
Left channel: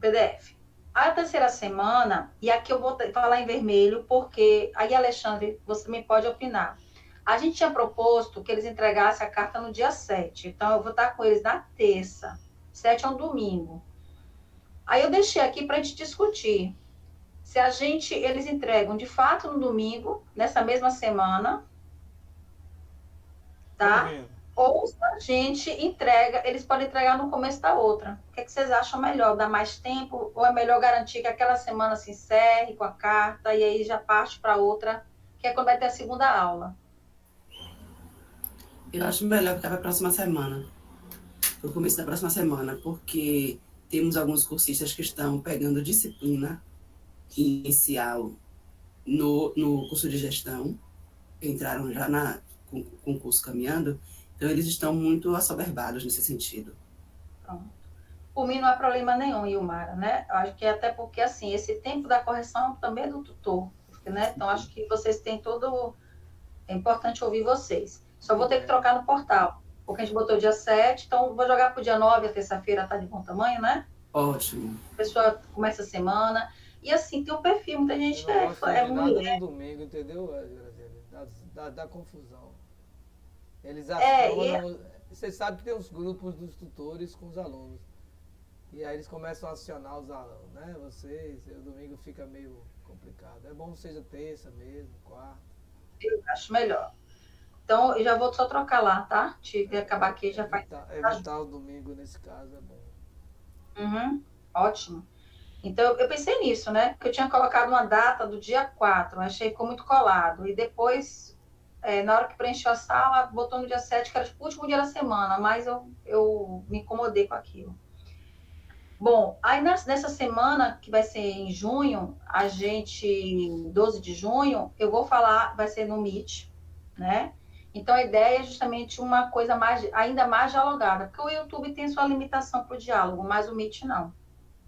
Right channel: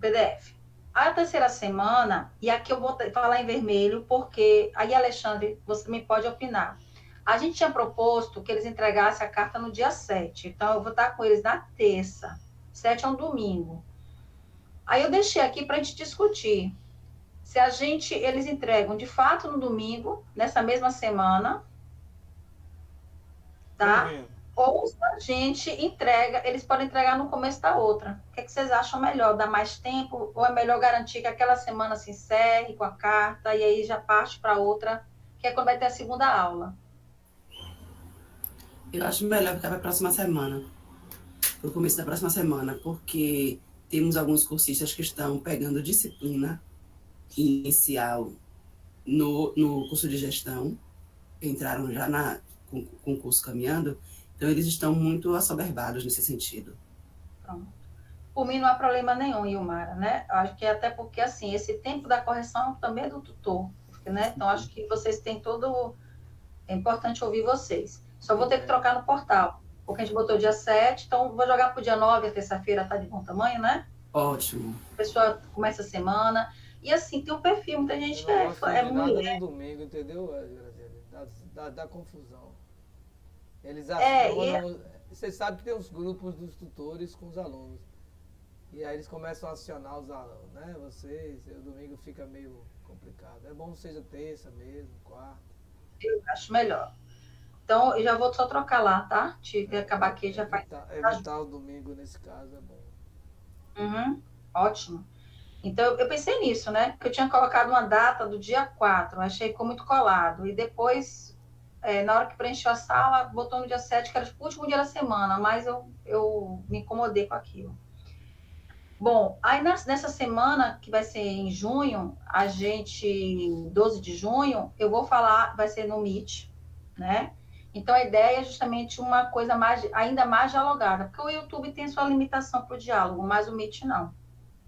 PDF. A terceira semana, e aqui eu vou falar em vermelho, porque aí, Alexandre, você me pode opinar. A gente tinha proposto que eles entregassem a carta no dia 7, então eu vou estar com eles na terça. 7 é um domingo. Aí eu deixei aqui para a gente discutir se eles entregam de fato no domingo, nessa mesma semana, Tô tá? ouvindo. Ou se a gente entrega, eles podem entregar no começo da outra. O que, é que vocês acham melhor? Dar mais tempo? Ou é melhor garantir que aquela semana se encerre com a carta e aí já parte para outra, que é quando vai ter a segunda aula? Eu acho melhor ficar para a próxima semana, para o começo da próxima semana, porque temos alguns cursistas que estão pegando disciplina inicial no curso de gestão, entraram já com o curso caminhando, então eles estão muito assoberbados nesse sentido. Pronto. Por mim não há problema nenhum, Ilmara, né? Eu acho que até porque, assim, esse tempo da correção também é do tutor, né? Então, acho que vocês têm todo... É importante ouvir vocês. Só vou ter que É. trocar no portal, porque a gente botou dia 7, então vou jogar para o dia 9, a terça-feira tá de bom tamanho, né? Ótimo. A pessoa começa a semana. E assim, tem um perfil, muita Eu gente não gosto é de nada no mulher. domingo, entendeu, Graziele? Da confusão. Eles E acionam. Você sabe que tem os grupos dos tutores com os alunos. E aí eles começam a acionar os alunos, né? Vocês, o domingo fica meio complicado. É bom que seja terça mesmo, quarta. eu acho melhor. Então, eu já vou só trocar lá, tá? Tive que acabar aqui, já faz. Evitar o domingo nesse caso é bom. Uhum, ótimo. Então, eu pensei nisso, né? Porque eu tinha colocado uma data do dia 4, achei que ficou muito colado. E depois, na hora que preencheu a sala, botou no dia 7, que era o último dia da semana, mas eu me incomodei com aquilo. Bom, aí nessa semana, que vai ser em junho, 12 de junho, eu vou falar, vai ser no Meet, né? Então a ideia é justamente uma coisa ainda mais dialogada, porque o YouTube tem sua limitação para o diálogo, mas o Meet não.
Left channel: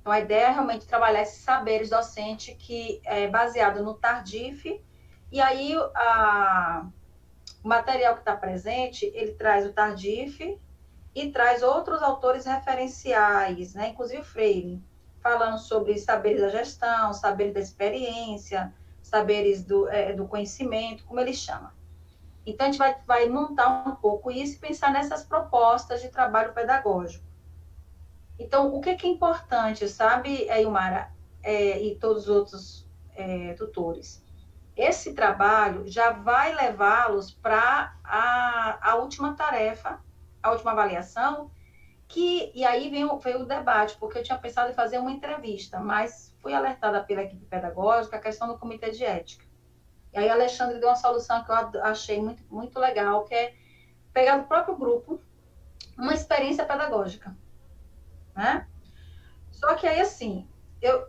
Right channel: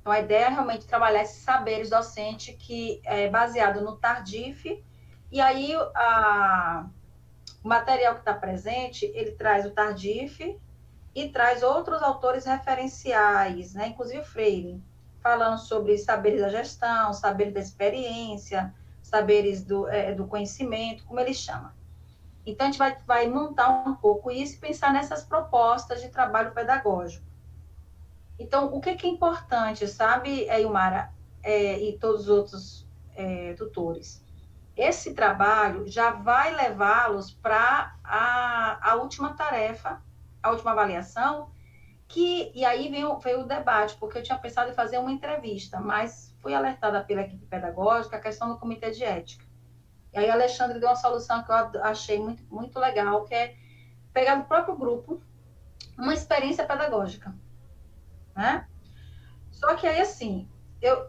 Então a ideia é realmente trabalhar esses saberes docente que é baseado no Tardif, e aí o material que está presente, ele traz o Tardif, e traz outros autores referenciais, né? Inclusive Freire, falando sobre saberes da gestão, saberes da experiência, saberes do conhecimento, como ele chama. Então, a gente vai montar um pouco isso e pensar nessas propostas de trabalho pedagógico. Então, o que é importante, sabe, Ilmara, e todos os outros tutores? Esse trabalho já vai levá-los para a última tarefa, a última avaliação, e aí veio o debate, porque eu tinha pensado em fazer uma entrevista, mas fui alertada pela equipe pedagógica a questão do comitê de ética. E aí a Alexandre deu uma solução que eu achei muito, muito legal, que é pegar do próprio grupo uma experiência pedagógica, né? Só que aí, assim,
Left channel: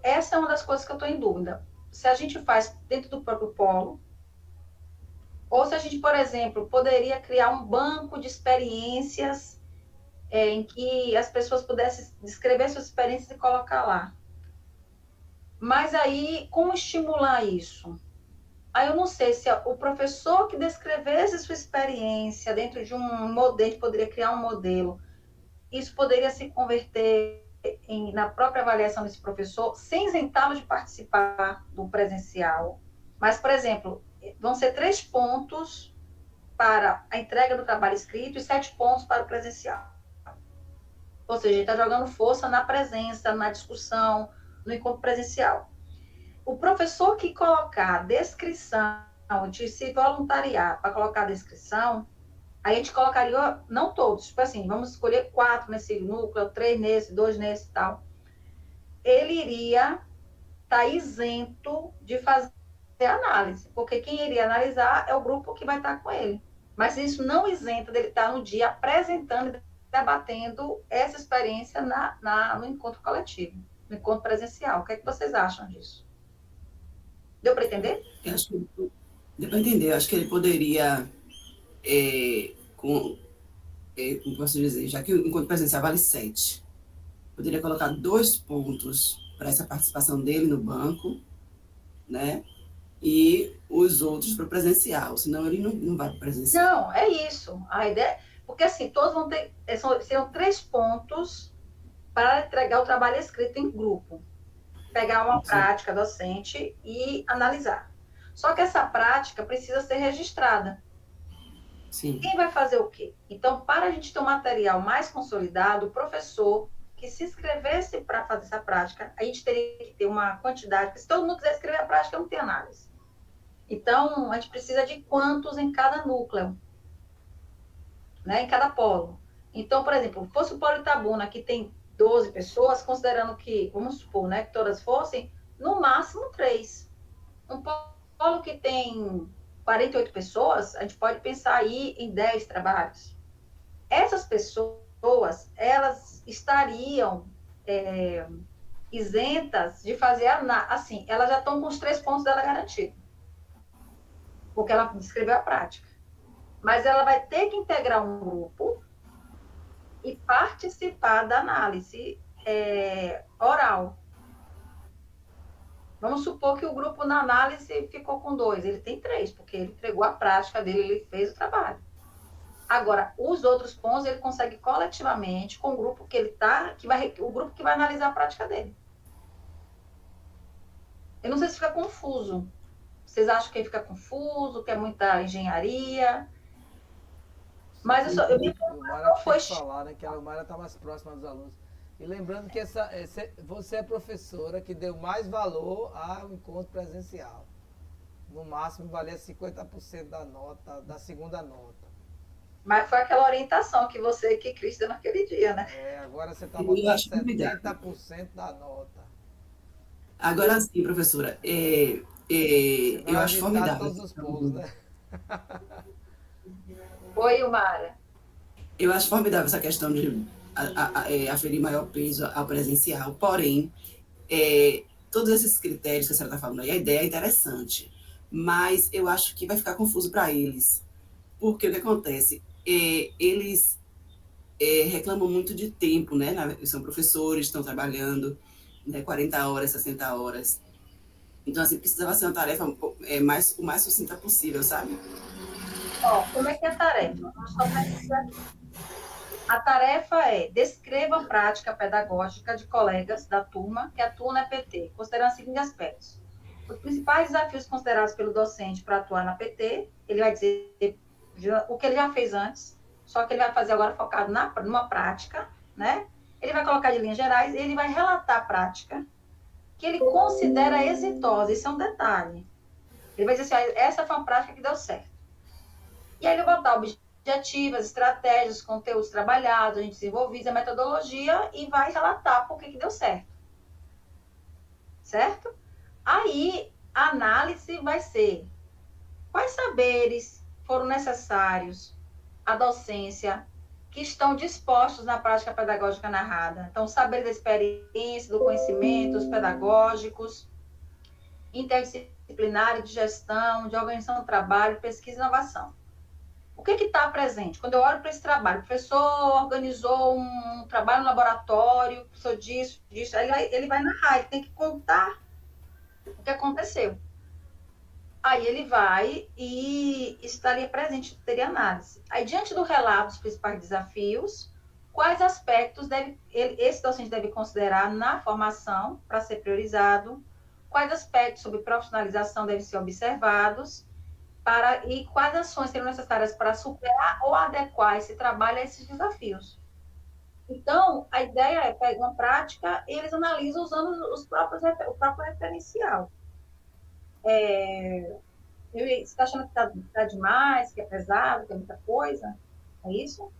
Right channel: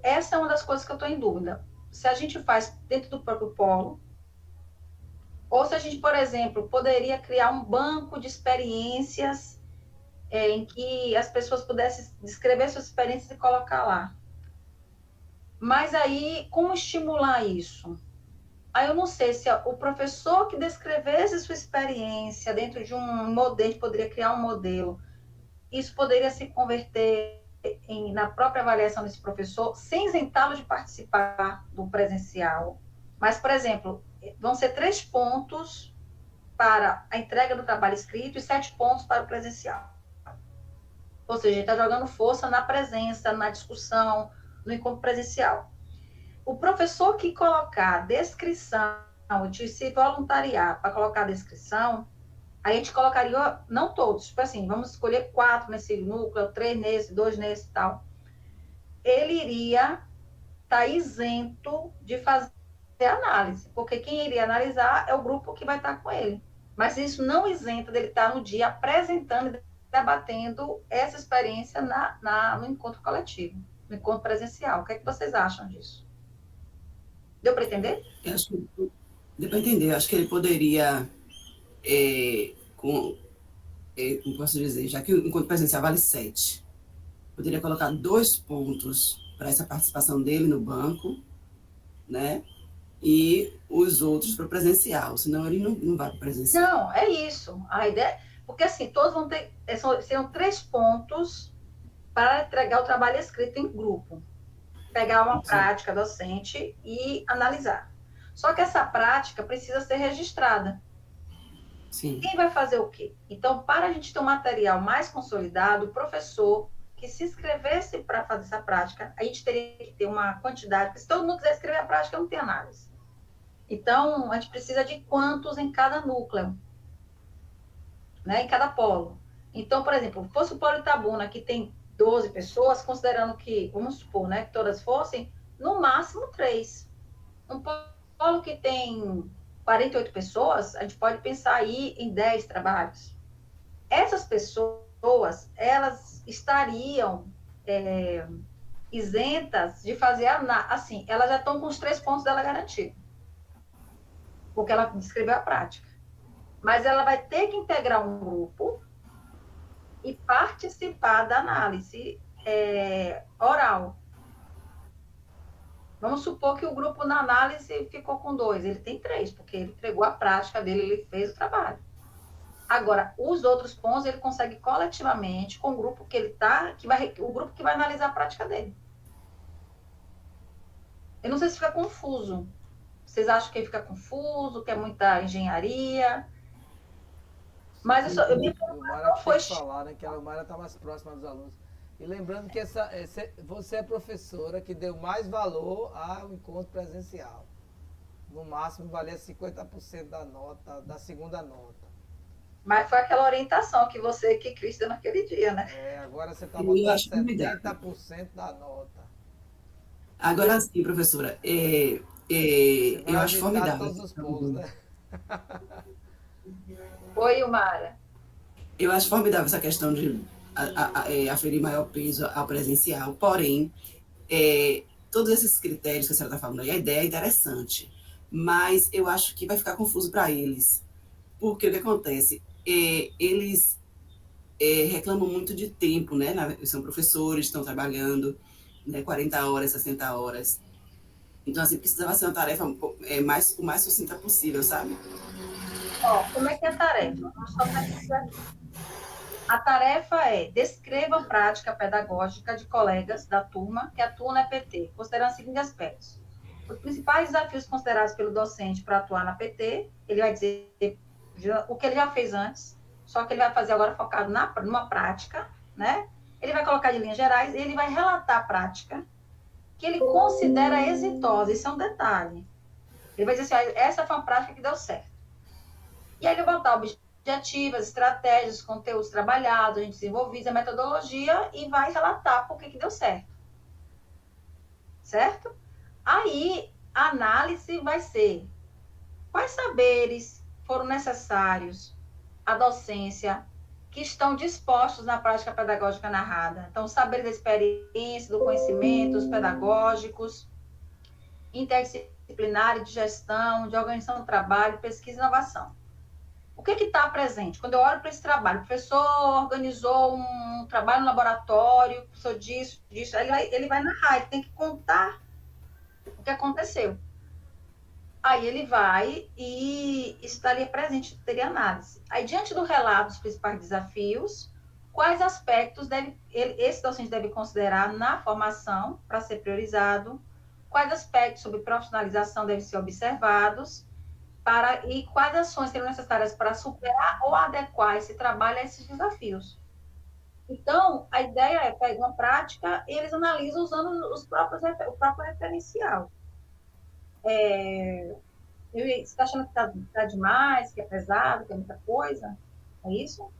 essa é uma das coisas que eu estou em dúvida. Se a gente faz dentro do próprio polo, ou se a gente, por exemplo, poderia criar um banco de experiências em que as pessoas pudessem descrever suas experiências e colocar lá. Mas aí, como estimular isso? Aí eu não sei se o professor que descrevesse sua experiência dentro de um modelo, poderia criar um modelo, isso poderia se converter na própria avaliação desse professor, sem isentá-lo de participar do presencial. Mas, por exemplo, vão ser 3 pontos para a entrega do trabalho escrito e 7 pontos para o presencial. Ou seja, ele está jogando força na presença, na discussão, no encontro presencial. O professor que colocar a descrição, de se voluntariar para colocar a descrição, a gente colocaria, não todos, tipo assim, vamos escolher 4 nesse núcleo, 3 nesse, 2 nesse e tal. Ele iria estar isento de fazer análise, porque quem iria analisar é o grupo que vai estar com ele. Mas isso não isenta dele estar no dia apresentando e debatendo essa experiência no encontro coletivo, no encontro presencial. O que é que vocês acham disso? Deu para entender? Eu acho que deu para entender. Eu acho que ele poderia, como posso dizer, já que o encontro presencial vale 7, poderia colocar 2 pontos para essa participação dele no banco, né? E os outros para o presencial, senão ele não vai para o presencial. Não, é isso. A ideia, porque assim, todos vão ter, serão 3 pontos para entregar o trabalho escrito em grupo. Pegar uma prática docente e analisar. Só que essa prática precisa ser registrada. Sim. Quem vai fazer o quê? Então, para a gente ter um material mais consolidado, o professor que se inscrevesse para fazer essa prática, a gente teria que ter uma quantidade, porque se todo mundo quiser escrever a prática, não tem análise. Então, a gente precisa de quantos em cada núcleo, né, em cada polo. Então, por exemplo, fosse o polo Itabuna, que tem 12 pessoas, considerando que, vamos supor, né, que todas fossem, no máximo 3. Um polo que tem 48 pessoas, a gente pode pensar aí em 10 trabalhos. Essas pessoas, elas estariam isentas de fazer, assim, elas já estão com os 3 pontos dela garantidos, porque ela descreveu a prática. Mas ela vai ter que integrar um grupo e participar da análise oral. Vamos supor que o grupo na análise ficou com 2, ele tem 3, porque ele entregou a prática dele, ele fez o trabalho. Agora, os outros pontos ele consegue coletivamente com o grupo que ele está, o grupo que vai analisar a prática dele. Eu não sei se fica confuso. Vocês acham que fica confuso, que é muita engenharia? Mas o Mara tem que falar, né? Que a Mara está mais próxima dos alunos. E lembrando que você é professora que deu mais valor ao encontro presencial. No máximo, valia 50% da nota, da segunda nota. Mas foi aquela orientação que Cris deu naquele dia, né? Agora você está botando 70% da nota. Agora sim, professora. Você vai eu acho formidável todos os polos, né? Oi, Mara. Eu acho formidável essa questão de aferir maior peso ao presencial. Porém, todos esses critérios que a senhora está falando aí, a ideia é interessante, mas eu acho que vai ficar confuso para eles. Porque o que acontece? Eles reclamam muito de tempo, né? São professores, estão trabalhando, né, 40 horas, 60 horas. Então, assim, precisava ser uma tarefa o mais sucinta possível, sabe? Como é que é a tarefa? A tarefa é: descreva a prática pedagógica de colegas da turma que atuam na PT, considerando os seguintes aspectos. Os principais desafios considerados pelo docente para atuar na PT, ele vai dizer o que ele já fez antes, só que ele vai fazer agora focado numa prática, né? Ele vai colocar de linhas gerais, ele vai relatar a prática que ele considera exitosa. Isso é um detalhe. Ele vai dizer assim: essa foi uma prática que deu certo. E aí ele vai botar objetivas, estratégias, conteúdos trabalhados, a gente desenvolvido, a metodologia e vai relatar por que deu certo. Certo? Aí a análise vai ser: quais saberes foram necessários à docência que estão dispostos na prática pedagógica narrada? Então, saberes da experiência, do conhecimento, os pedagógicos, interdisciplinares de gestão, de organização do trabalho, pesquisa e inovação. O que está presente? Quando eu olho para esse trabalho, o professor organizou um trabalho no laboratório, o professor disso, aí ele vai narrar, ele tem que contar o que aconteceu. Aí ele vai e estaria presente, teria análise. Aí, diante do relato dos principais desafios, quais aspectos esse docente deve considerar na formação para ser priorizado, quais aspectos sobre profissionalização devem ser observados e quais ações seriam necessárias para superar ou adequar esse trabalho a esses desafios. Então, a ideia é pegar uma prática e eles analisam usando o próprio referencial. Você está achando que está demais, que é pesado, que é muita coisa? É isso?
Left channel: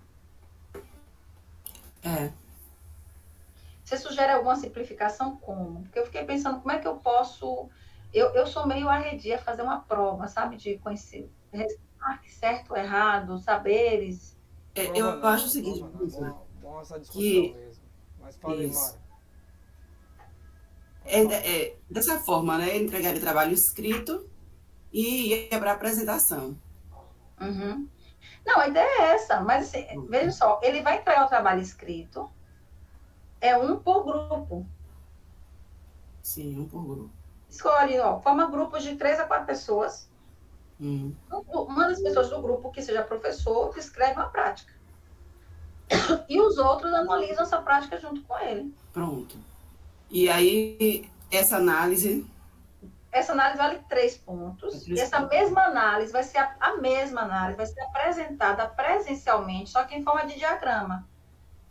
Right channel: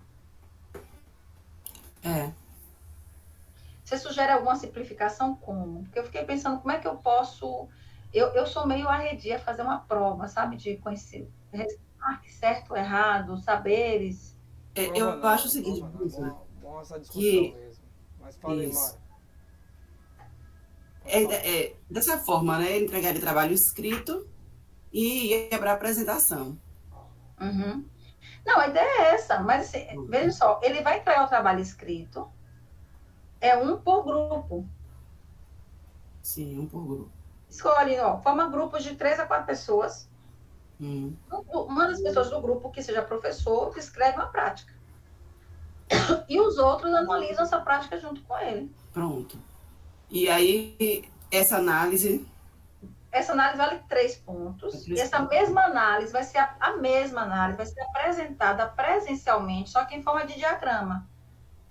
É. Você sugere alguma simplificação como? Porque eu fiquei pensando como é que eu posso... Eu sou meio arredia a fazer uma prova, sabe? De conhecer certo, errado, saberes. Prova Eu acho o não, seguinte, prova não. professora, Bom essa discussão que mesmo. Mas fala aí, Mara. isso, Pode falar. dessa forma, né? Entregar o trabalho escrito e ir para a apresentação. Uhum. Não, a ideia é essa, mas assim, veja só, ele vai entregar o trabalho escrito, é um por grupo. Sim, um por grupo. Escolhe, ó, forma grupos de 3 a 4 pessoas. Hum, Uma das pessoas do grupo que seja professor descreve uma prática. E os outros analisam essa prática junto com ele. pronto. E aí, essa análise... Essa análise vale 3 pontos. E essa mesma análise vai ser a mesma análise, vai ser apresentada presencialmente, só que em forma de diagrama.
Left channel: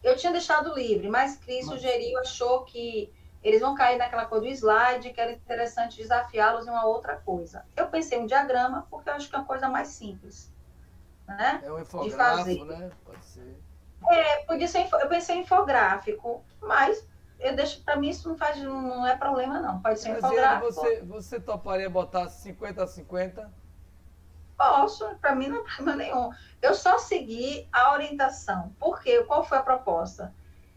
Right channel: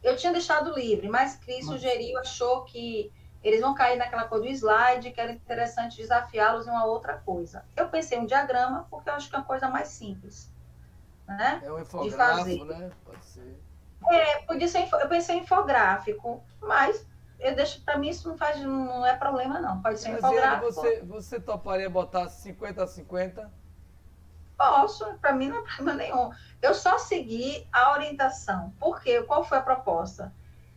Eu tinha deixado livre, mas Cris sugeriu, achou que eles vão cair naquela coisa do slide, que era interessante desafiá-los em uma outra coisa. Eu pensei em um diagrama, porque eu acho que é uma coisa mais simples, né? É um De fazer. infográfico, né? Pode ser. Podia ser, eu pensei em infográfico, mas eu deixo, para mim isso não é problema não. Pode ser Graziele, infográfico. você toparia botar 50-50? Posso, para mim não é problema nenhum. Eu só segui a orientação. Por quê? Qual foi a proposta?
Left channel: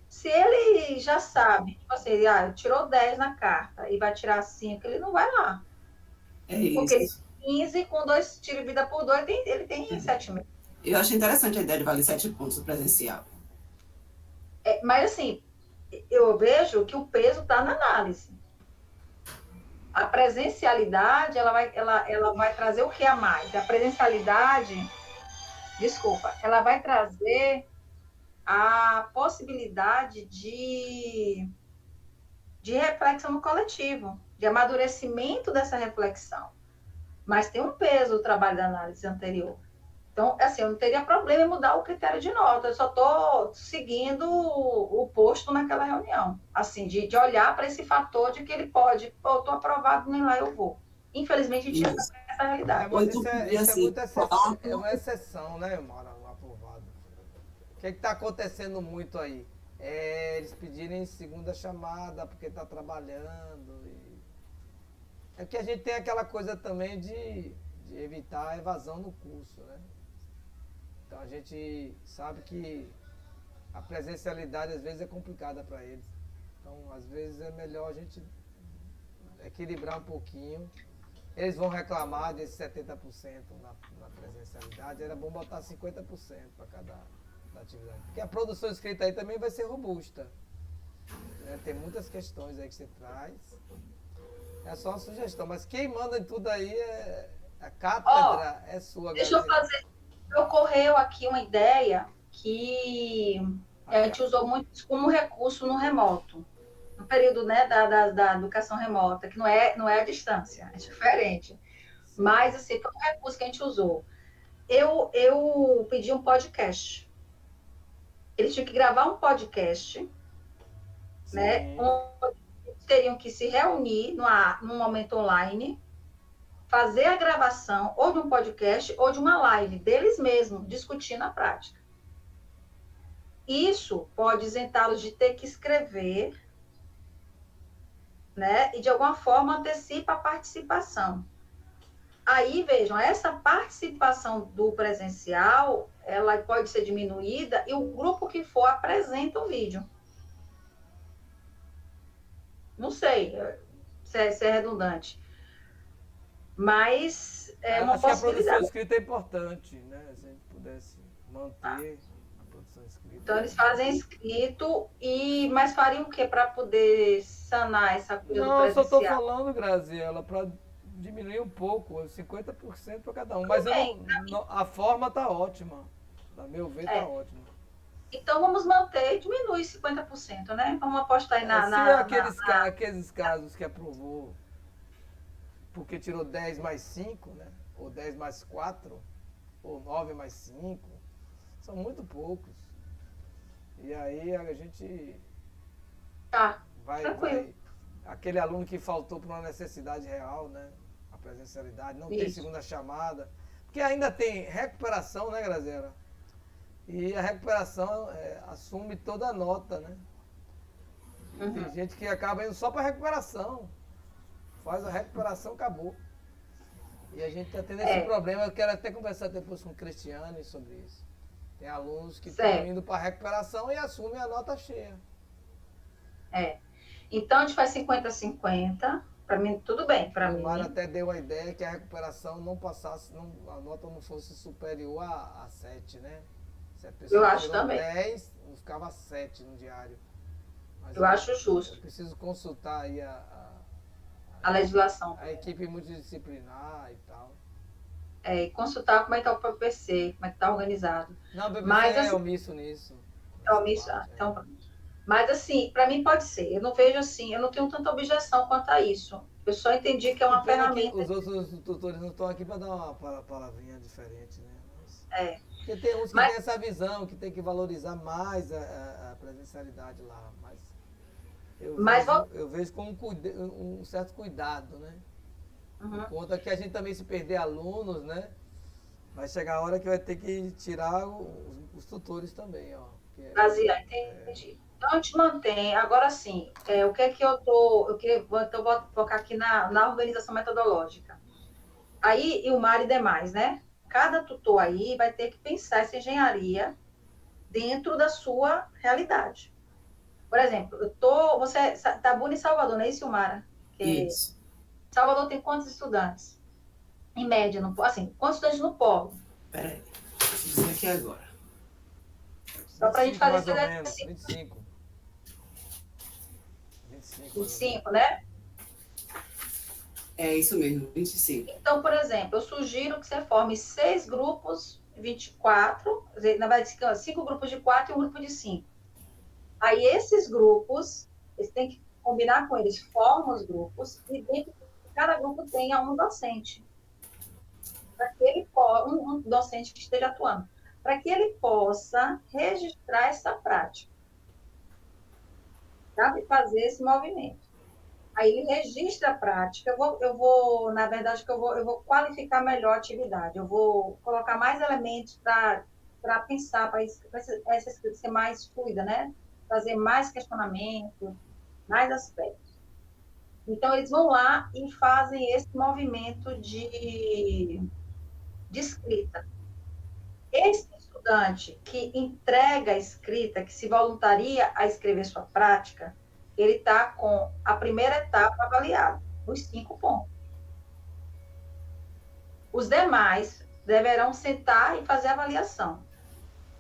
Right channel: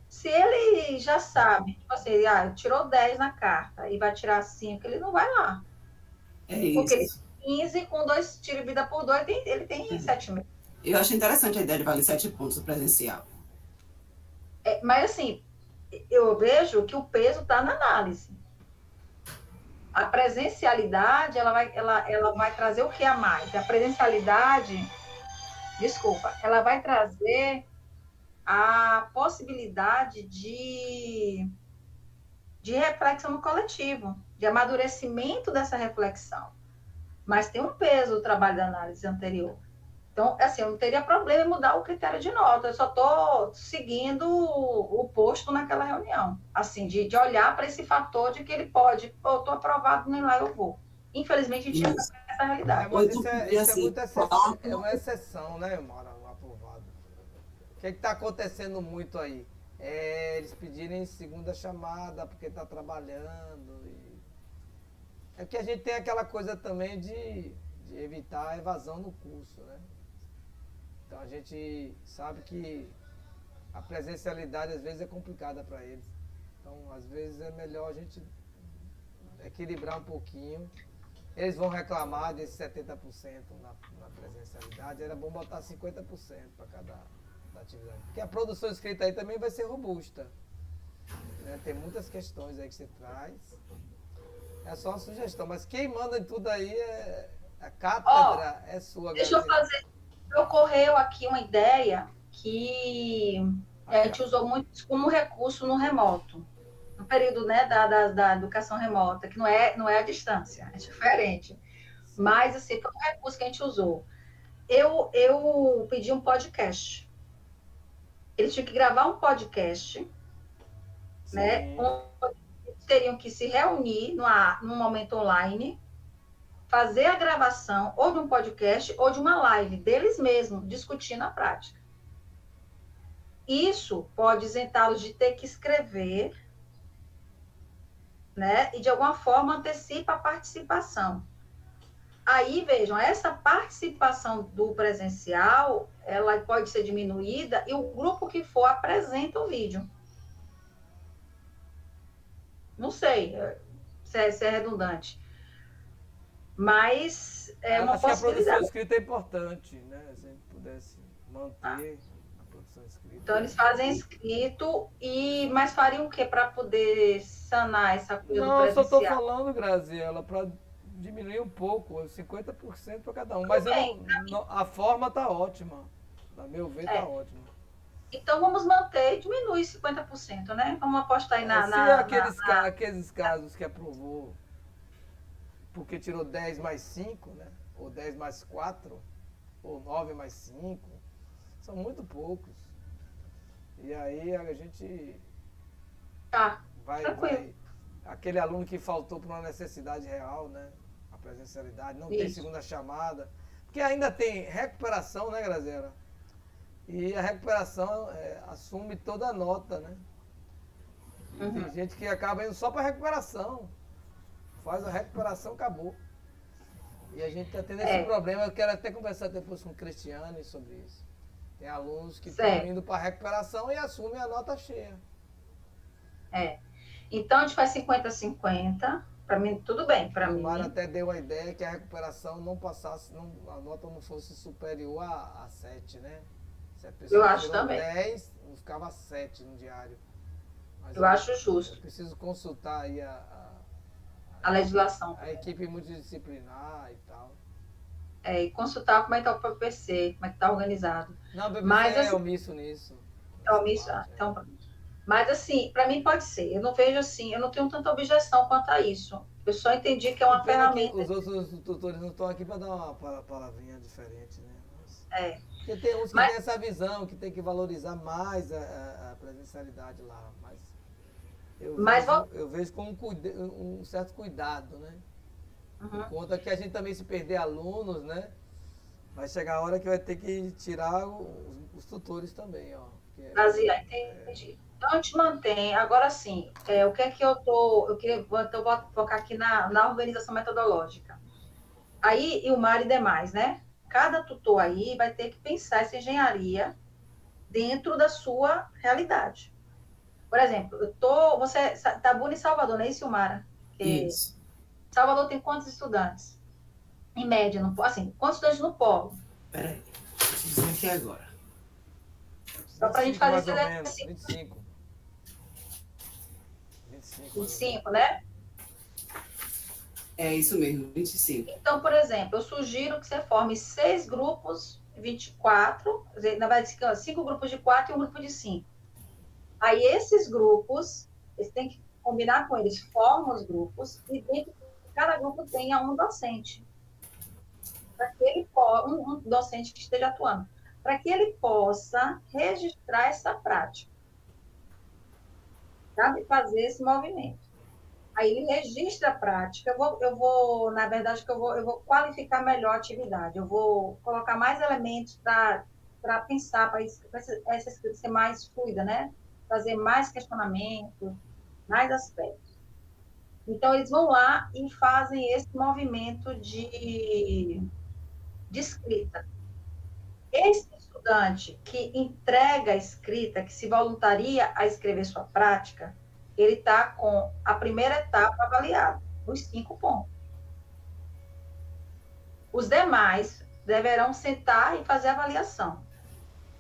Se ele já sabe, tipo assim, tirou 10 na carta e vai tirar 5, ele não vai lá. É Porque ele isso. tem 15 com 2 tiro vida por 2, ele tem 7,5. Eu acho interessante a ideia de valer 7 pontos no presencial. Mas assim, eu vejo que o peso está na análise. A presencialidade, ela vai trazer o que a mais? A presencialidade, desculpa, ela vai trazer a possibilidade de reflexão no coletivo, de amadurecimento dessa reflexão. Mas tem um peso o trabalho da análise anterior. Então, assim, eu não teria problema em mudar o critério de nota, eu só estou seguindo o posto naquela reunião. Assim, de olhar para esse fator de que ele pode, eu estou aprovado, nem lá eu vou. Infelizmente, a gente chega nessa realidade. Mas 8 isso e é assim, muito exceção, é uma exceção, né, Mara? Um aprovado. O que está acontecendo muito aí? Eles pedirem segunda chamada porque está trabalhando. É que a gente tem aquela coisa também de evitar a evasão no curso, né? Então a gente sabe que a presencialidade às vezes é complicada para eles. Então às vezes é melhor a gente equilibrar um pouquinho. Eles vão reclamar desses 70% na presencialidade, era bom botar 50% para cada atividade. Porque a produção escrita aí também vai ser robusta. Né? Tem muitas questões aí que você traz. É só uma sugestão, mas quem manda em tudo aí é a cátedra, é sua, Deixa eu fazer. Ocorreu aqui uma ideia que a gente usou muito como recurso no remoto. No período, né, da educação remota, que não é a distância, é diferente. Sim. Mas, assim, foi um recurso que a gente usou. Eu pedi um podcast. Eles tinham que gravar um podcast, Sim. né? Eles teriam que se reunir num momento online, fazer a gravação ou de um podcast ou de uma live deles mesmos, discutindo a prática. Isso pode isentá-los de ter que escrever, né? E de alguma forma antecipa a participação. Aí, vejam, essa participação do presencial, ela pode ser diminuída e o grupo que for apresenta o vídeo. Não sei se é redundante, mas é uma Acho que a produção possibilidade. escrita é importante, né? Se a gente pudesse manter a produção escrita. Então, eles fazem escrito, mas fariam o quê para poder sanar essa coisa do Não, eu só estou presencial? falando, Graziela, para diminuir um pouco, 50% para cada um. Mas eu a forma está ótima. A meu ver, está ótima. Então, vamos manter e diminuir 50%, né? Vamos apostar aí Se aqueles casos que aprovou porque tirou 10 mais 5, né? Ou 10 mais 4, ou 9 mais 5. São muito poucos. E aí a gente Tá, vai, tranquilo. aquele aluno que faltou por uma necessidade real, né? A presencialidade, não tem Isso. segunda chamada. Porque ainda tem recuperação, né, Graziela? E a recuperação assume toda a nota, né? E tem gente que acaba indo só para recuperação. Faz a recuperação, acabou. E a gente está tendo esse problema. Eu quero até conversar depois com o Cristiane sobre isso. Tem alunos que estão Certo. indo para recuperação e assumem a nota cheia. Então, a gente faz 50-50. Para mim, tudo bem, para E o mim. Mário até deu a ideia que a recuperação não passasse, a nota não fosse superior a 7, né? Se a pessoa Eu acho tirou também. 10, não ficava 7 no diário. Mas Eu acho justo. eu preciso consultar aí A legislação. a equipe multidisciplinar e tal. E consultar como é que está o PPC, como é que está organizado. Não, o BBC Mas, é assim, omisso nisso. então, mas assim, para mim pode ser. Eu não vejo assim, eu não tenho tanta objeção quanto a isso. Eu só entendi que é Que uma pena que ferramenta. os outros tutores não estão aqui para dar uma palavrinha diferente, né? É. Porque tem uns que Mas- têm essa visão, que tem que valorizar mais a presencialidade lá. Mas Mas eu vejo com um certo cuidado, né? Uhum. Por conta que a gente também, se perder alunos, né? Vai chegar a hora que vai ter que tirar os tutores também, ó. Basear, entendi. Então a gente mantém. Agora sim, o que é que eu queria focar aqui na organização metodológica. Aí, e o Mar e demais, né? Cada tutor aí vai ter que pensar essa engenharia dentro da sua realidade. Por exemplo, você tá em Salvador, não é isso, Mara? Isso. Salvador tem quantos estudantes? Em média, assim, quantos estudantes no polo? Peraí, deixa eu dizer aqui agora. Só para a gente fazer mais ou esse menos, exercício. 25. 25, mais ou menos. 25, né? É isso mesmo, 25. Então, por exemplo, eu sugiro que você forme 6 grupos, 24, na verdade, 5 grupos de 4 e um grupo de 5. Aí, esses grupos, você tem que combinar com eles, formam os grupos, e dentro de cada grupo tenha um docente. Para que ele um docente que esteja atuando, para que ele possa registrar essa prática, sabe? Fazer esse movimento. Aí ele registra a prática, eu vou na verdade, eu vou qualificar melhor a atividade, eu vou colocar mais elementos para pensar, para essa escrita ser mais fluida, né? Fazer mais questionamentos, mais aspectos. Então, eles vão lá e fazem esse movimento de escrita. Esse estudante que entrega a escrita, que se voluntaria a escrever sua prática, ele está com a primeira etapa avaliada, os 5 pontos. Os demais deverão sentar e fazer a avaliação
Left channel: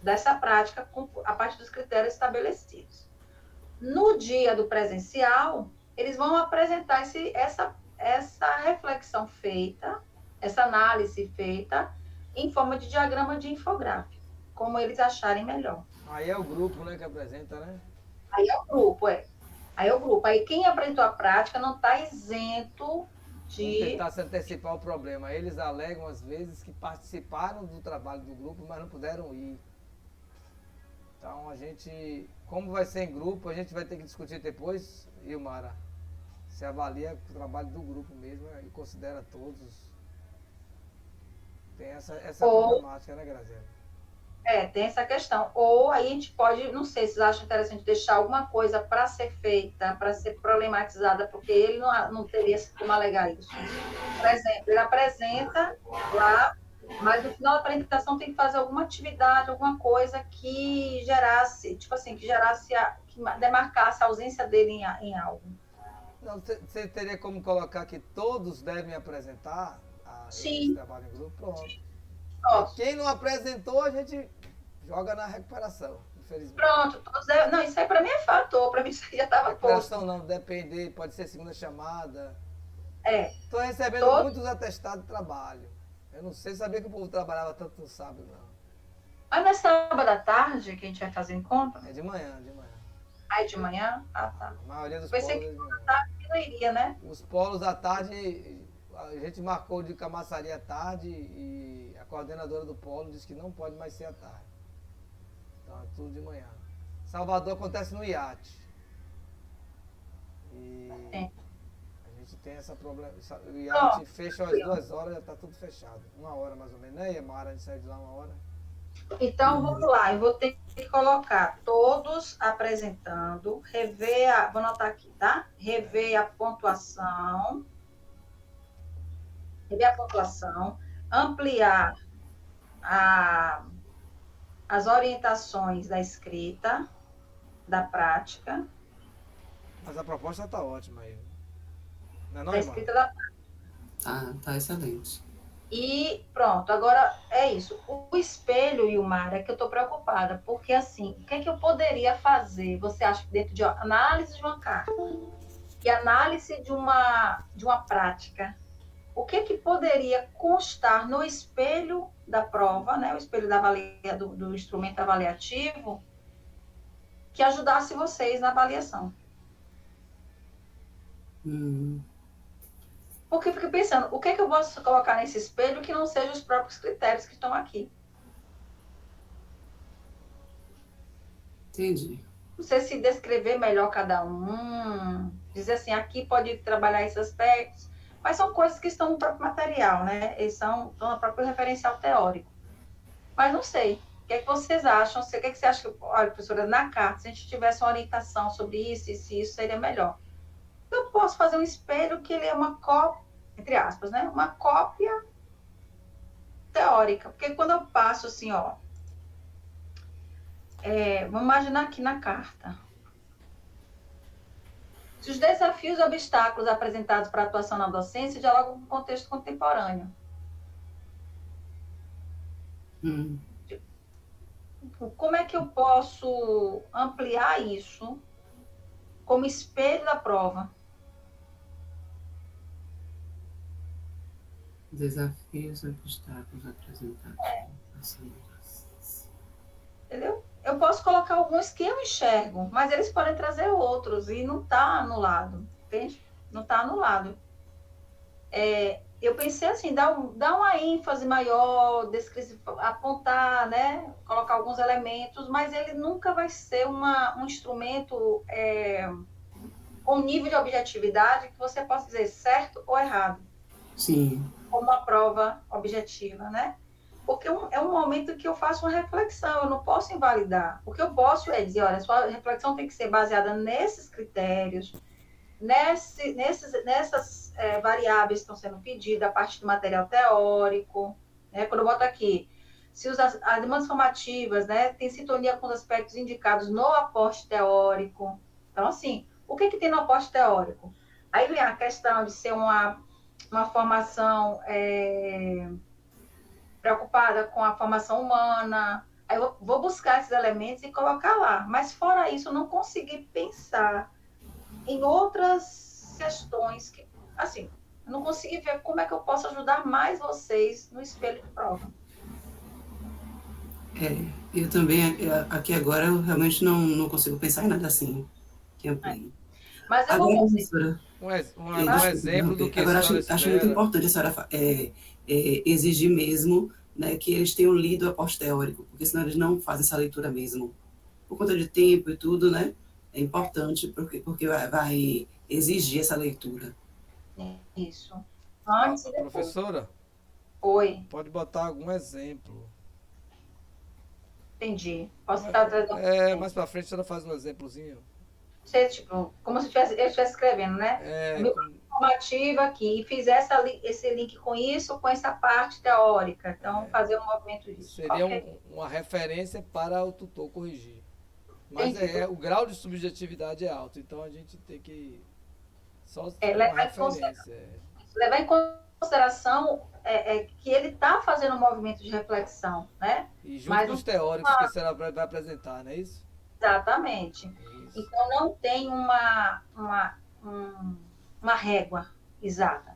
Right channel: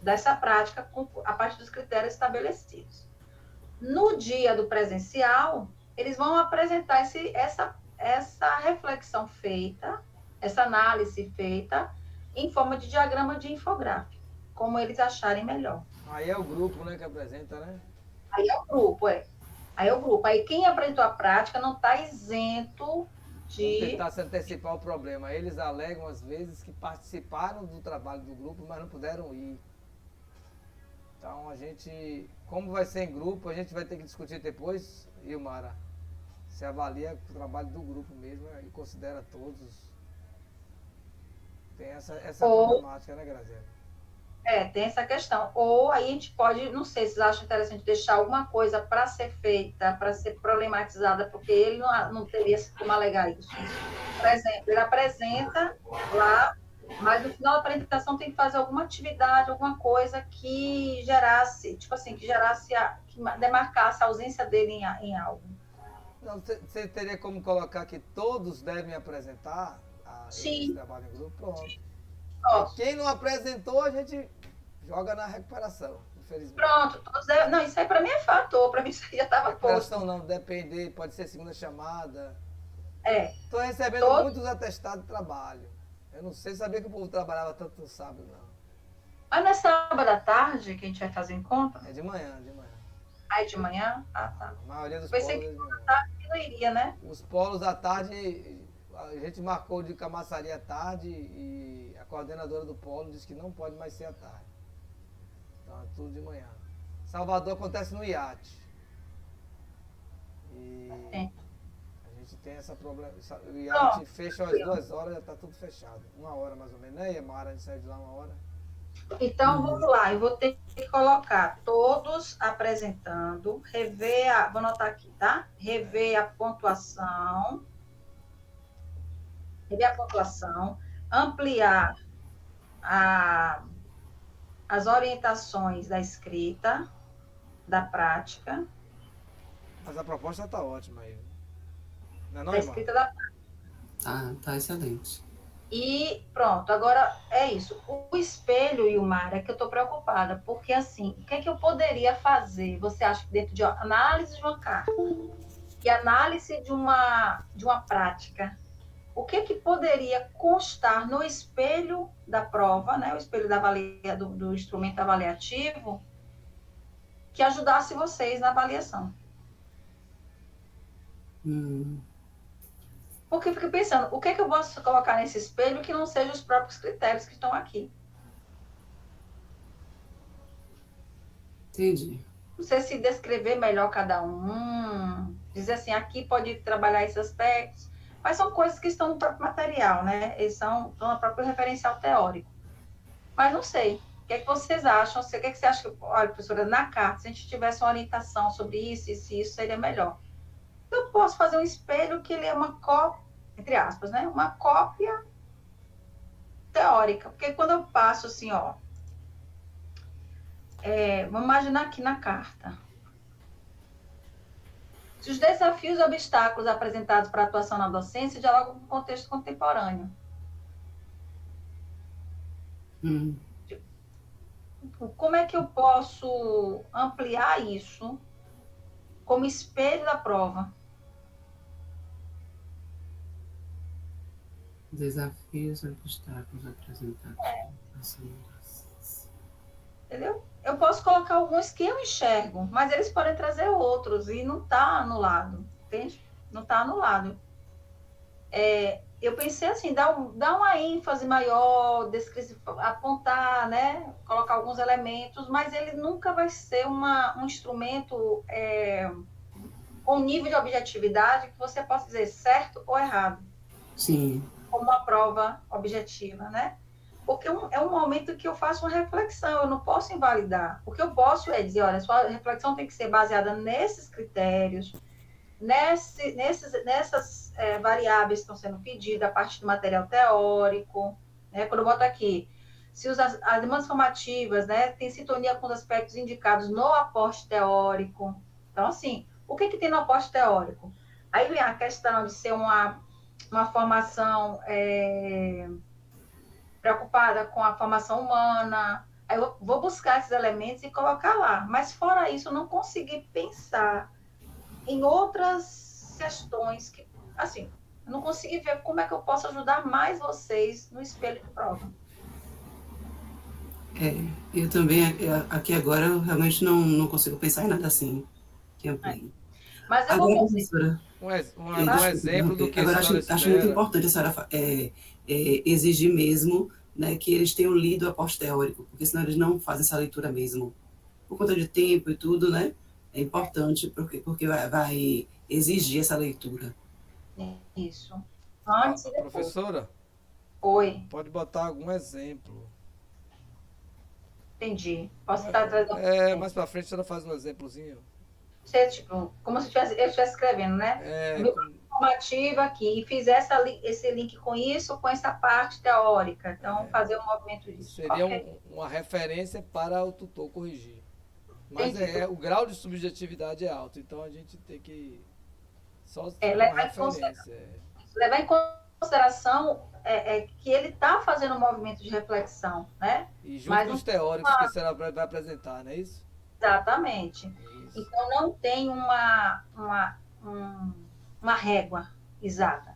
dessa prática a partir dos critérios estabelecidos. No dia do presencial, eles vão apresentar essa reflexão feita, essa análise feita, em forma de diagrama de infográfico, como eles acharem melhor. Aí é o grupo, né, que apresenta, né? Aí é o grupo, Aí é o grupo. Aí quem apresentou a prática não está isento de... Vamos tentar se antecipar o problema. Eles alegam, às vezes, que participaram do trabalho do grupo, mas não puderam ir. Então, a gente, como vai ser em grupo, a gente vai ter que discutir depois, Ilmara, se avalia o trabalho do grupo mesmo e considera todos. Tem essa problemática, né, Graziela? Tem essa questão. Ou aí a gente pode, não sei se vocês acham interessante deixar alguma coisa para ser feita, para ser problematizada, porque ele não teria como alegar isso. Por exemplo, ele apresenta lá, mas no final da apresentação tem que fazer alguma atividade, alguma coisa que gerasse, tipo assim, que demarcasse a ausência dele em algo. Não, você teria como colocar que todos devem apresentar esse trabalho em grupo? Pronto. Quem não apresentou, a gente joga na recuperação, infelizmente. Pronto, não, isso aí para mim é fator, para mim isso aí já estava posto. Recuperação não, depender, pode ser segunda chamada. Estou recebendo muitos atestados de trabalho. Eu não sei, sabia que o povo trabalhava tanto no sábado, não. Mas não é sábado à tarde que a gente vai fazer encontro? É de manhã, de manhã. É de manhã? Ah, tá. A maioria dos Pensei polos é que de manhã. à tarde não iria, né? Os polos à tarde, a gente marcou de Camaçari à tarde e a coordenadora do polo disse que não pode mais ser à tarde. Então é tudo de manhã. Salvador acontece no iate. E É. a gente tem essa problema. O iate fecha às 2 horas, já está tudo fechado. 1 hora mais ou menos, né, Mara? A gente sai de lá 1 hora. Então, vamos lá, eu vou ter que colocar todos apresentando, vou anotar aqui, tá? Rever a pontuação, ampliar as orientações da escrita, da prática, Mas a proposta está ótima aí. Não é não, da Mara? escrita da prática. Tá excelente. E pronto, agora é isso. O espelho, Ilmar, é que eu estou preocupada, porque assim, o que é que eu poderia fazer? Você acha que dentro de análise de uma carta e análise de uma prática, o que é que poderia constar no espelho da prova, né? O espelho do instrumento avaliativo, que ajudasse vocês na avaliação? Porque eu fico pensando, o que é que eu posso colocar nesse espelho que não sejam os próprios critérios que estão aqui? Entendi. Você se descrever melhor cada um, dizer assim, aqui pode trabalhar esses aspectos, mas são coisas que estão no próprio material, né? Eles estão no próprio referencial teórico. Mas não sei, o que é que vocês acham? O que é que você acha que, olha, professora, na carta, se a gente tivesse uma orientação sobre isso seria melhor. Eu posso fazer um espelho que ele é uma cópia, entre aspas, né? Uma cópia teórica, porque quando eu passo assim, ó, vamos imaginar aqui na carta. Se os desafios e obstáculos apresentados para a atuação na docência dialogam com o contexto contemporâneo. Como é que eu posso ampliar isso como espelho da prova? Desafios e obstáculos apresentados. Entendeu? Eu posso colocar alguns que eu enxergo, mas eles podem trazer outros e não está anulado, entende? Não está anulado. Eu pensei assim, dar uma ênfase maior, apontar, né? Colocar alguns elementos, mas ele nunca vai ser um instrumento com nível de objetividade que você possa dizer certo ou errado. Sim. Como uma prova objetiva, né? Porque é um momento que eu faço uma reflexão, eu não posso invalidar. O que eu posso é dizer, olha, sua reflexão tem que ser baseada nesses critérios, nessas variáveis que estão sendo pedidas a partir do material teórico, né? Quando eu boto aqui, se as demandas formativas, né, têm sintonia com os aspectos indicados no aporte teórico. Então, assim, o que tem no aporte teórico? Aí vem a questão de ser uma formação preocupada com a formação humana. Aí eu vou buscar esses elementos e colocar lá. Mas, fora isso, eu não consegui pensar em outras questões que, assim, eu não consegui ver como é que eu posso ajudar mais vocês no espelho de prova. Eu também, aqui agora, eu realmente não consigo pensar em nada assim. Que eu Mas eu agora, vou professora, Um exemplo do que a agora senhora acho muito espera. importante a senhora exigir mesmo, né, que eles tenham lido o aporte teórico, porque senão eles não fazem essa leitura mesmo. Por conta de tempo e tudo, né? É importante porque vai exigir essa leitura. Isso. Antes e depois. Professora? Oi. Pode botar algum exemplo. Entendi. Posso estar trazendo. Mais pra frente a senhora faz um exemplozinho. Tipo, como se eu estivesse escrevendo, né? Formativa aqui, e fizer esse link com isso, com essa parte teórica. Então, fazer um movimento disso. Seria uma referência para o tutor corrigir. Mas o grau de subjetividade é alto, então a gente tem que só uma referência. Levar em consideração que ele está fazendo um movimento de reflexão, né? E junto com os teóricos que a senhora vai apresentar, não é isso? Exatamente. Isso. Então, não tem uma régua exata.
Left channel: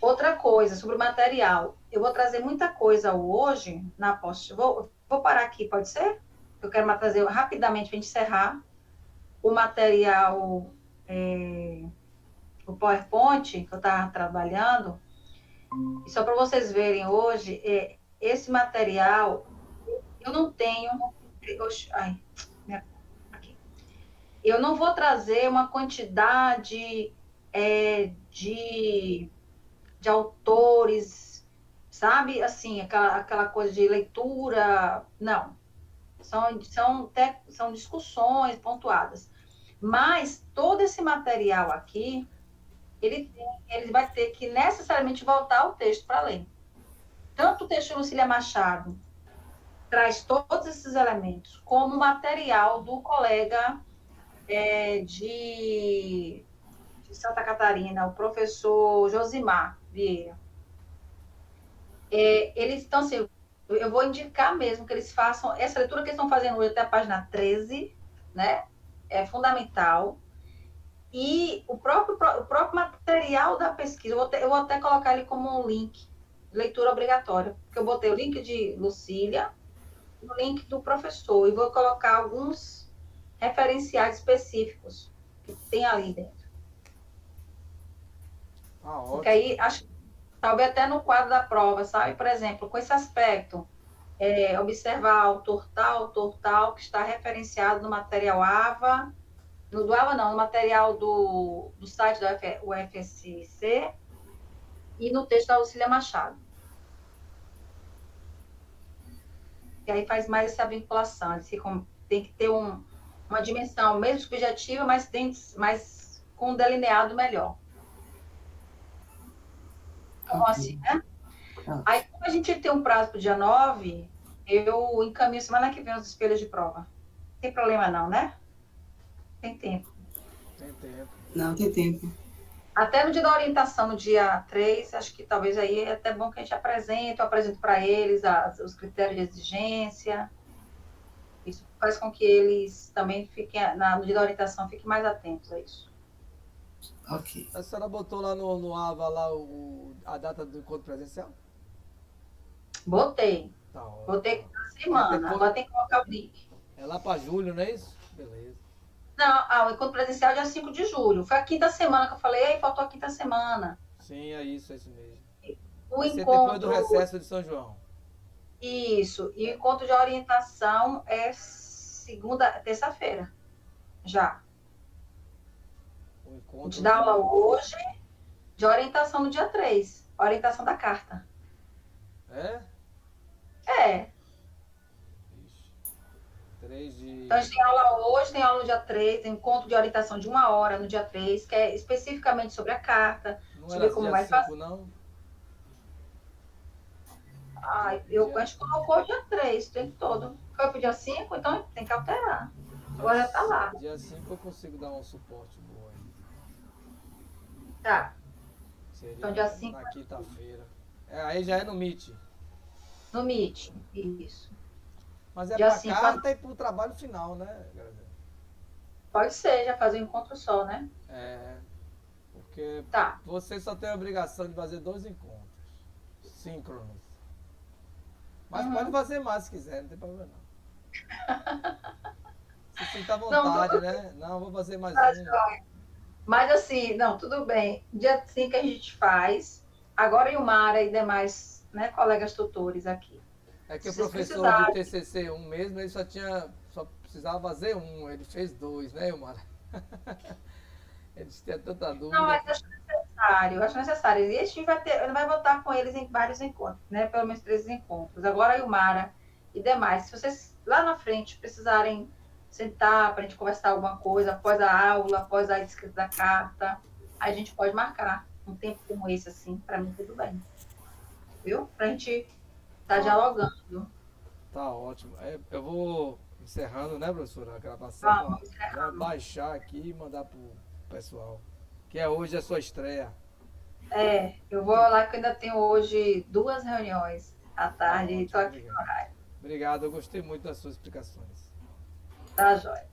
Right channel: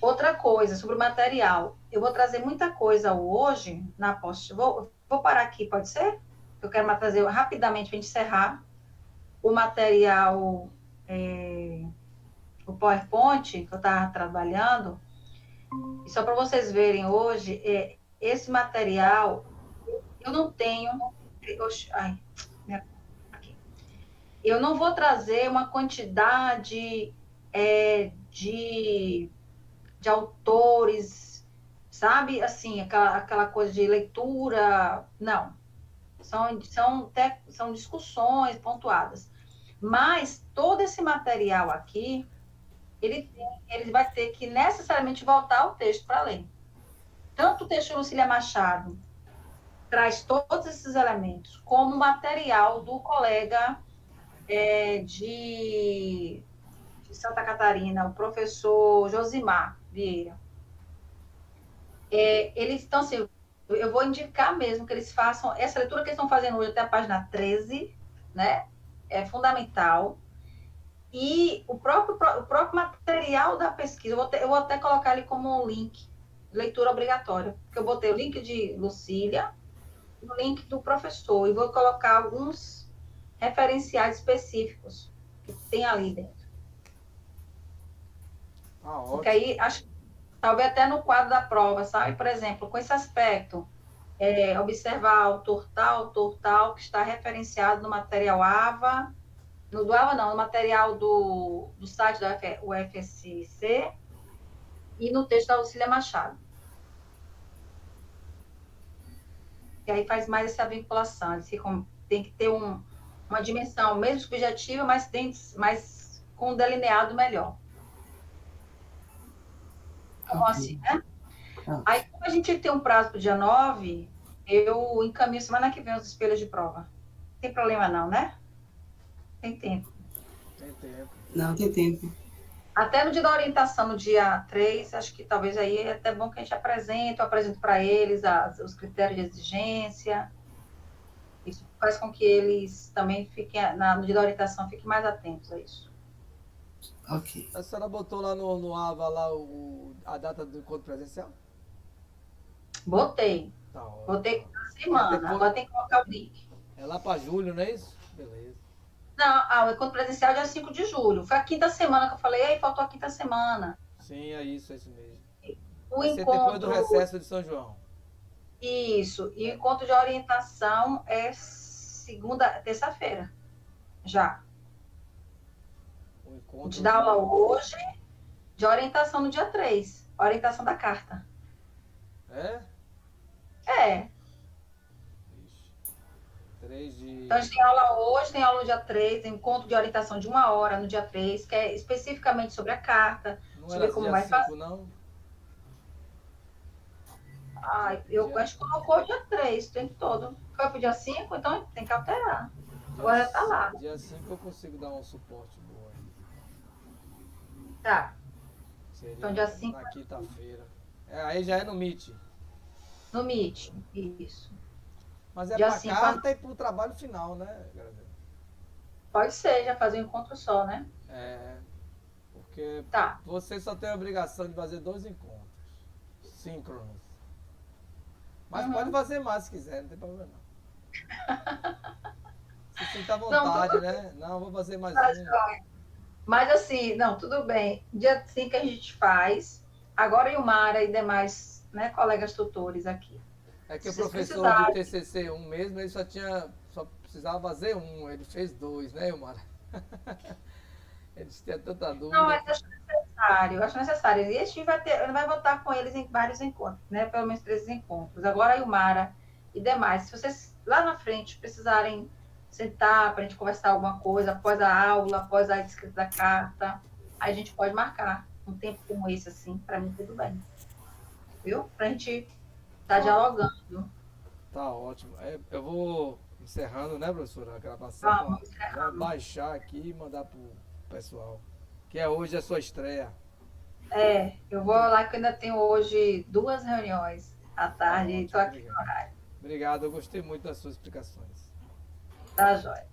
Outra coisa, sobre o material. Eu vou trazer muita coisa hoje na post. Vou parar aqui, pode ser? Eu quero trazer rapidamente para encerrar o material, o PowerPoint que eu estava trabalhando. E só para vocês verem hoje, esse material, eu não tenho. Ai, aqui. Eu não vou trazer uma quantidade de autores, sabe? Assim, aquela coisa de leitura. Não. São discussões pontuadas. Mas todo esse material aqui, ele vai ter que necessariamente voltar ao texto para ler. Tanto o texto de Lucília Machado traz todos esses elementos, como o material do colega de Santa Catarina, o professor Josimar Vieira. Eles estão assim, eu vou indicar mesmo que eles façam essa leitura que eles estão fazendo hoje até a página 13, né? É fundamental. E o próprio material da pesquisa, eu vou até colocar ele como um link, leitura obrigatória, porque eu botei o link de Lucília, o link do professor, e vou colocar alguns referenciais específicos que tem ali dentro. Porque aí, acho que talvez até no quadro da prova, sabe? Por exemplo, com esse aspecto, observar autor tal, que está referenciado no material AVA, no do AVA não, no material do site da UFSC e no texto da Lucília Machado. E aí faz mais essa vinculação, tem que ter uma dimensão mesmo subjetiva, mas com um delineado melhor. Então, assim, né? Aí, como a gente tem um prazo para o dia 9, eu encaminho semana que vem os espelhos de prova. Não tem problema não, né? Tem tempo. Tem tempo. Não, tem tempo. Até no dia da orientação, no dia 3, acho que talvez aí é até bom que a gente apresente, eu apresento para eles os critérios de exigência. Isso faz com que eles também fiquem, no dia da orientação, fiquem mais atentos a isso. Ok. A senhora botou lá no AVA lá a data do encontro presencial? Botei. Tá ótimo. Botei na semana, depois... agora tem que colocar o link. É lá para julho, não é isso? Beleza. Não, o encontro presencial é dia 5 de julho. Foi a quinta semana que eu falei, aí faltou a quinta semana. Sim, é isso mesmo. O encontro... depois do recesso de São João. Isso, e o encontro de orientação é terça-feira, já. O encontro a gente dá aula hoje, de orientação no dia 3, orientação da carta. É? É. Ixi. 3 de... Então, a gente tem aula hoje, tem aula no dia 3, encontro de orientação de 1 hora no dia 3, que é especificamente sobre a carta. Não sobre era como dia vai 5, fazer. não? A gente colocou o dia 3, o tempo todo. Foi pro dia 5, então tem que alterar. Agora já tá lá. Dia 5 eu consigo dar um suporte bom aí. Tá. Seria então, dia 5 na quinta-feira. Aí já é no Meet. No Meet, isso. Mas é dia pra 5, carta e pro trabalho final, né, Graziela? Pode ser, já fazer um encontro só, né? Porque tá. Você só tem a obrigação de fazer 2 encontros síncronos. Mas pode fazer mais se quiser, não tem problema não. Se sinta à vontade, né? Não, vou fazer mais um. Mas assim, não, tudo bem. Dia 5 a gente faz. Agora Ilmara e demais, né, colegas tutores aqui. É que o professor de TCC 1 mesmo, ele só precisava fazer um, ele fez 2, né, Ilmara? Ele tinha tanta dúvida. Não, mas acho necessário. E a gente vai votar com eles em vários encontros, né? Pelo menos 3 encontros. Agora a Ilmara e demais. Se vocês lá na frente precisarem sentar para a gente conversar alguma coisa após a aula, após a escrita da carta, a gente pode marcar um tempo como esse, assim, para mim tudo bem. Viu? Para a gente estar dialogando. Tá ótimo. Eu vou encerrando, né, professora, a gravação. Já baixar aqui e mandar pro pessoal. Que hoje é a sua estreia. Eu vou lá que eu ainda tenho hoje 2 reuniões à tarde e estou aqui no horário. Obrigado, eu gostei muito das suas explicações. Tá, joia.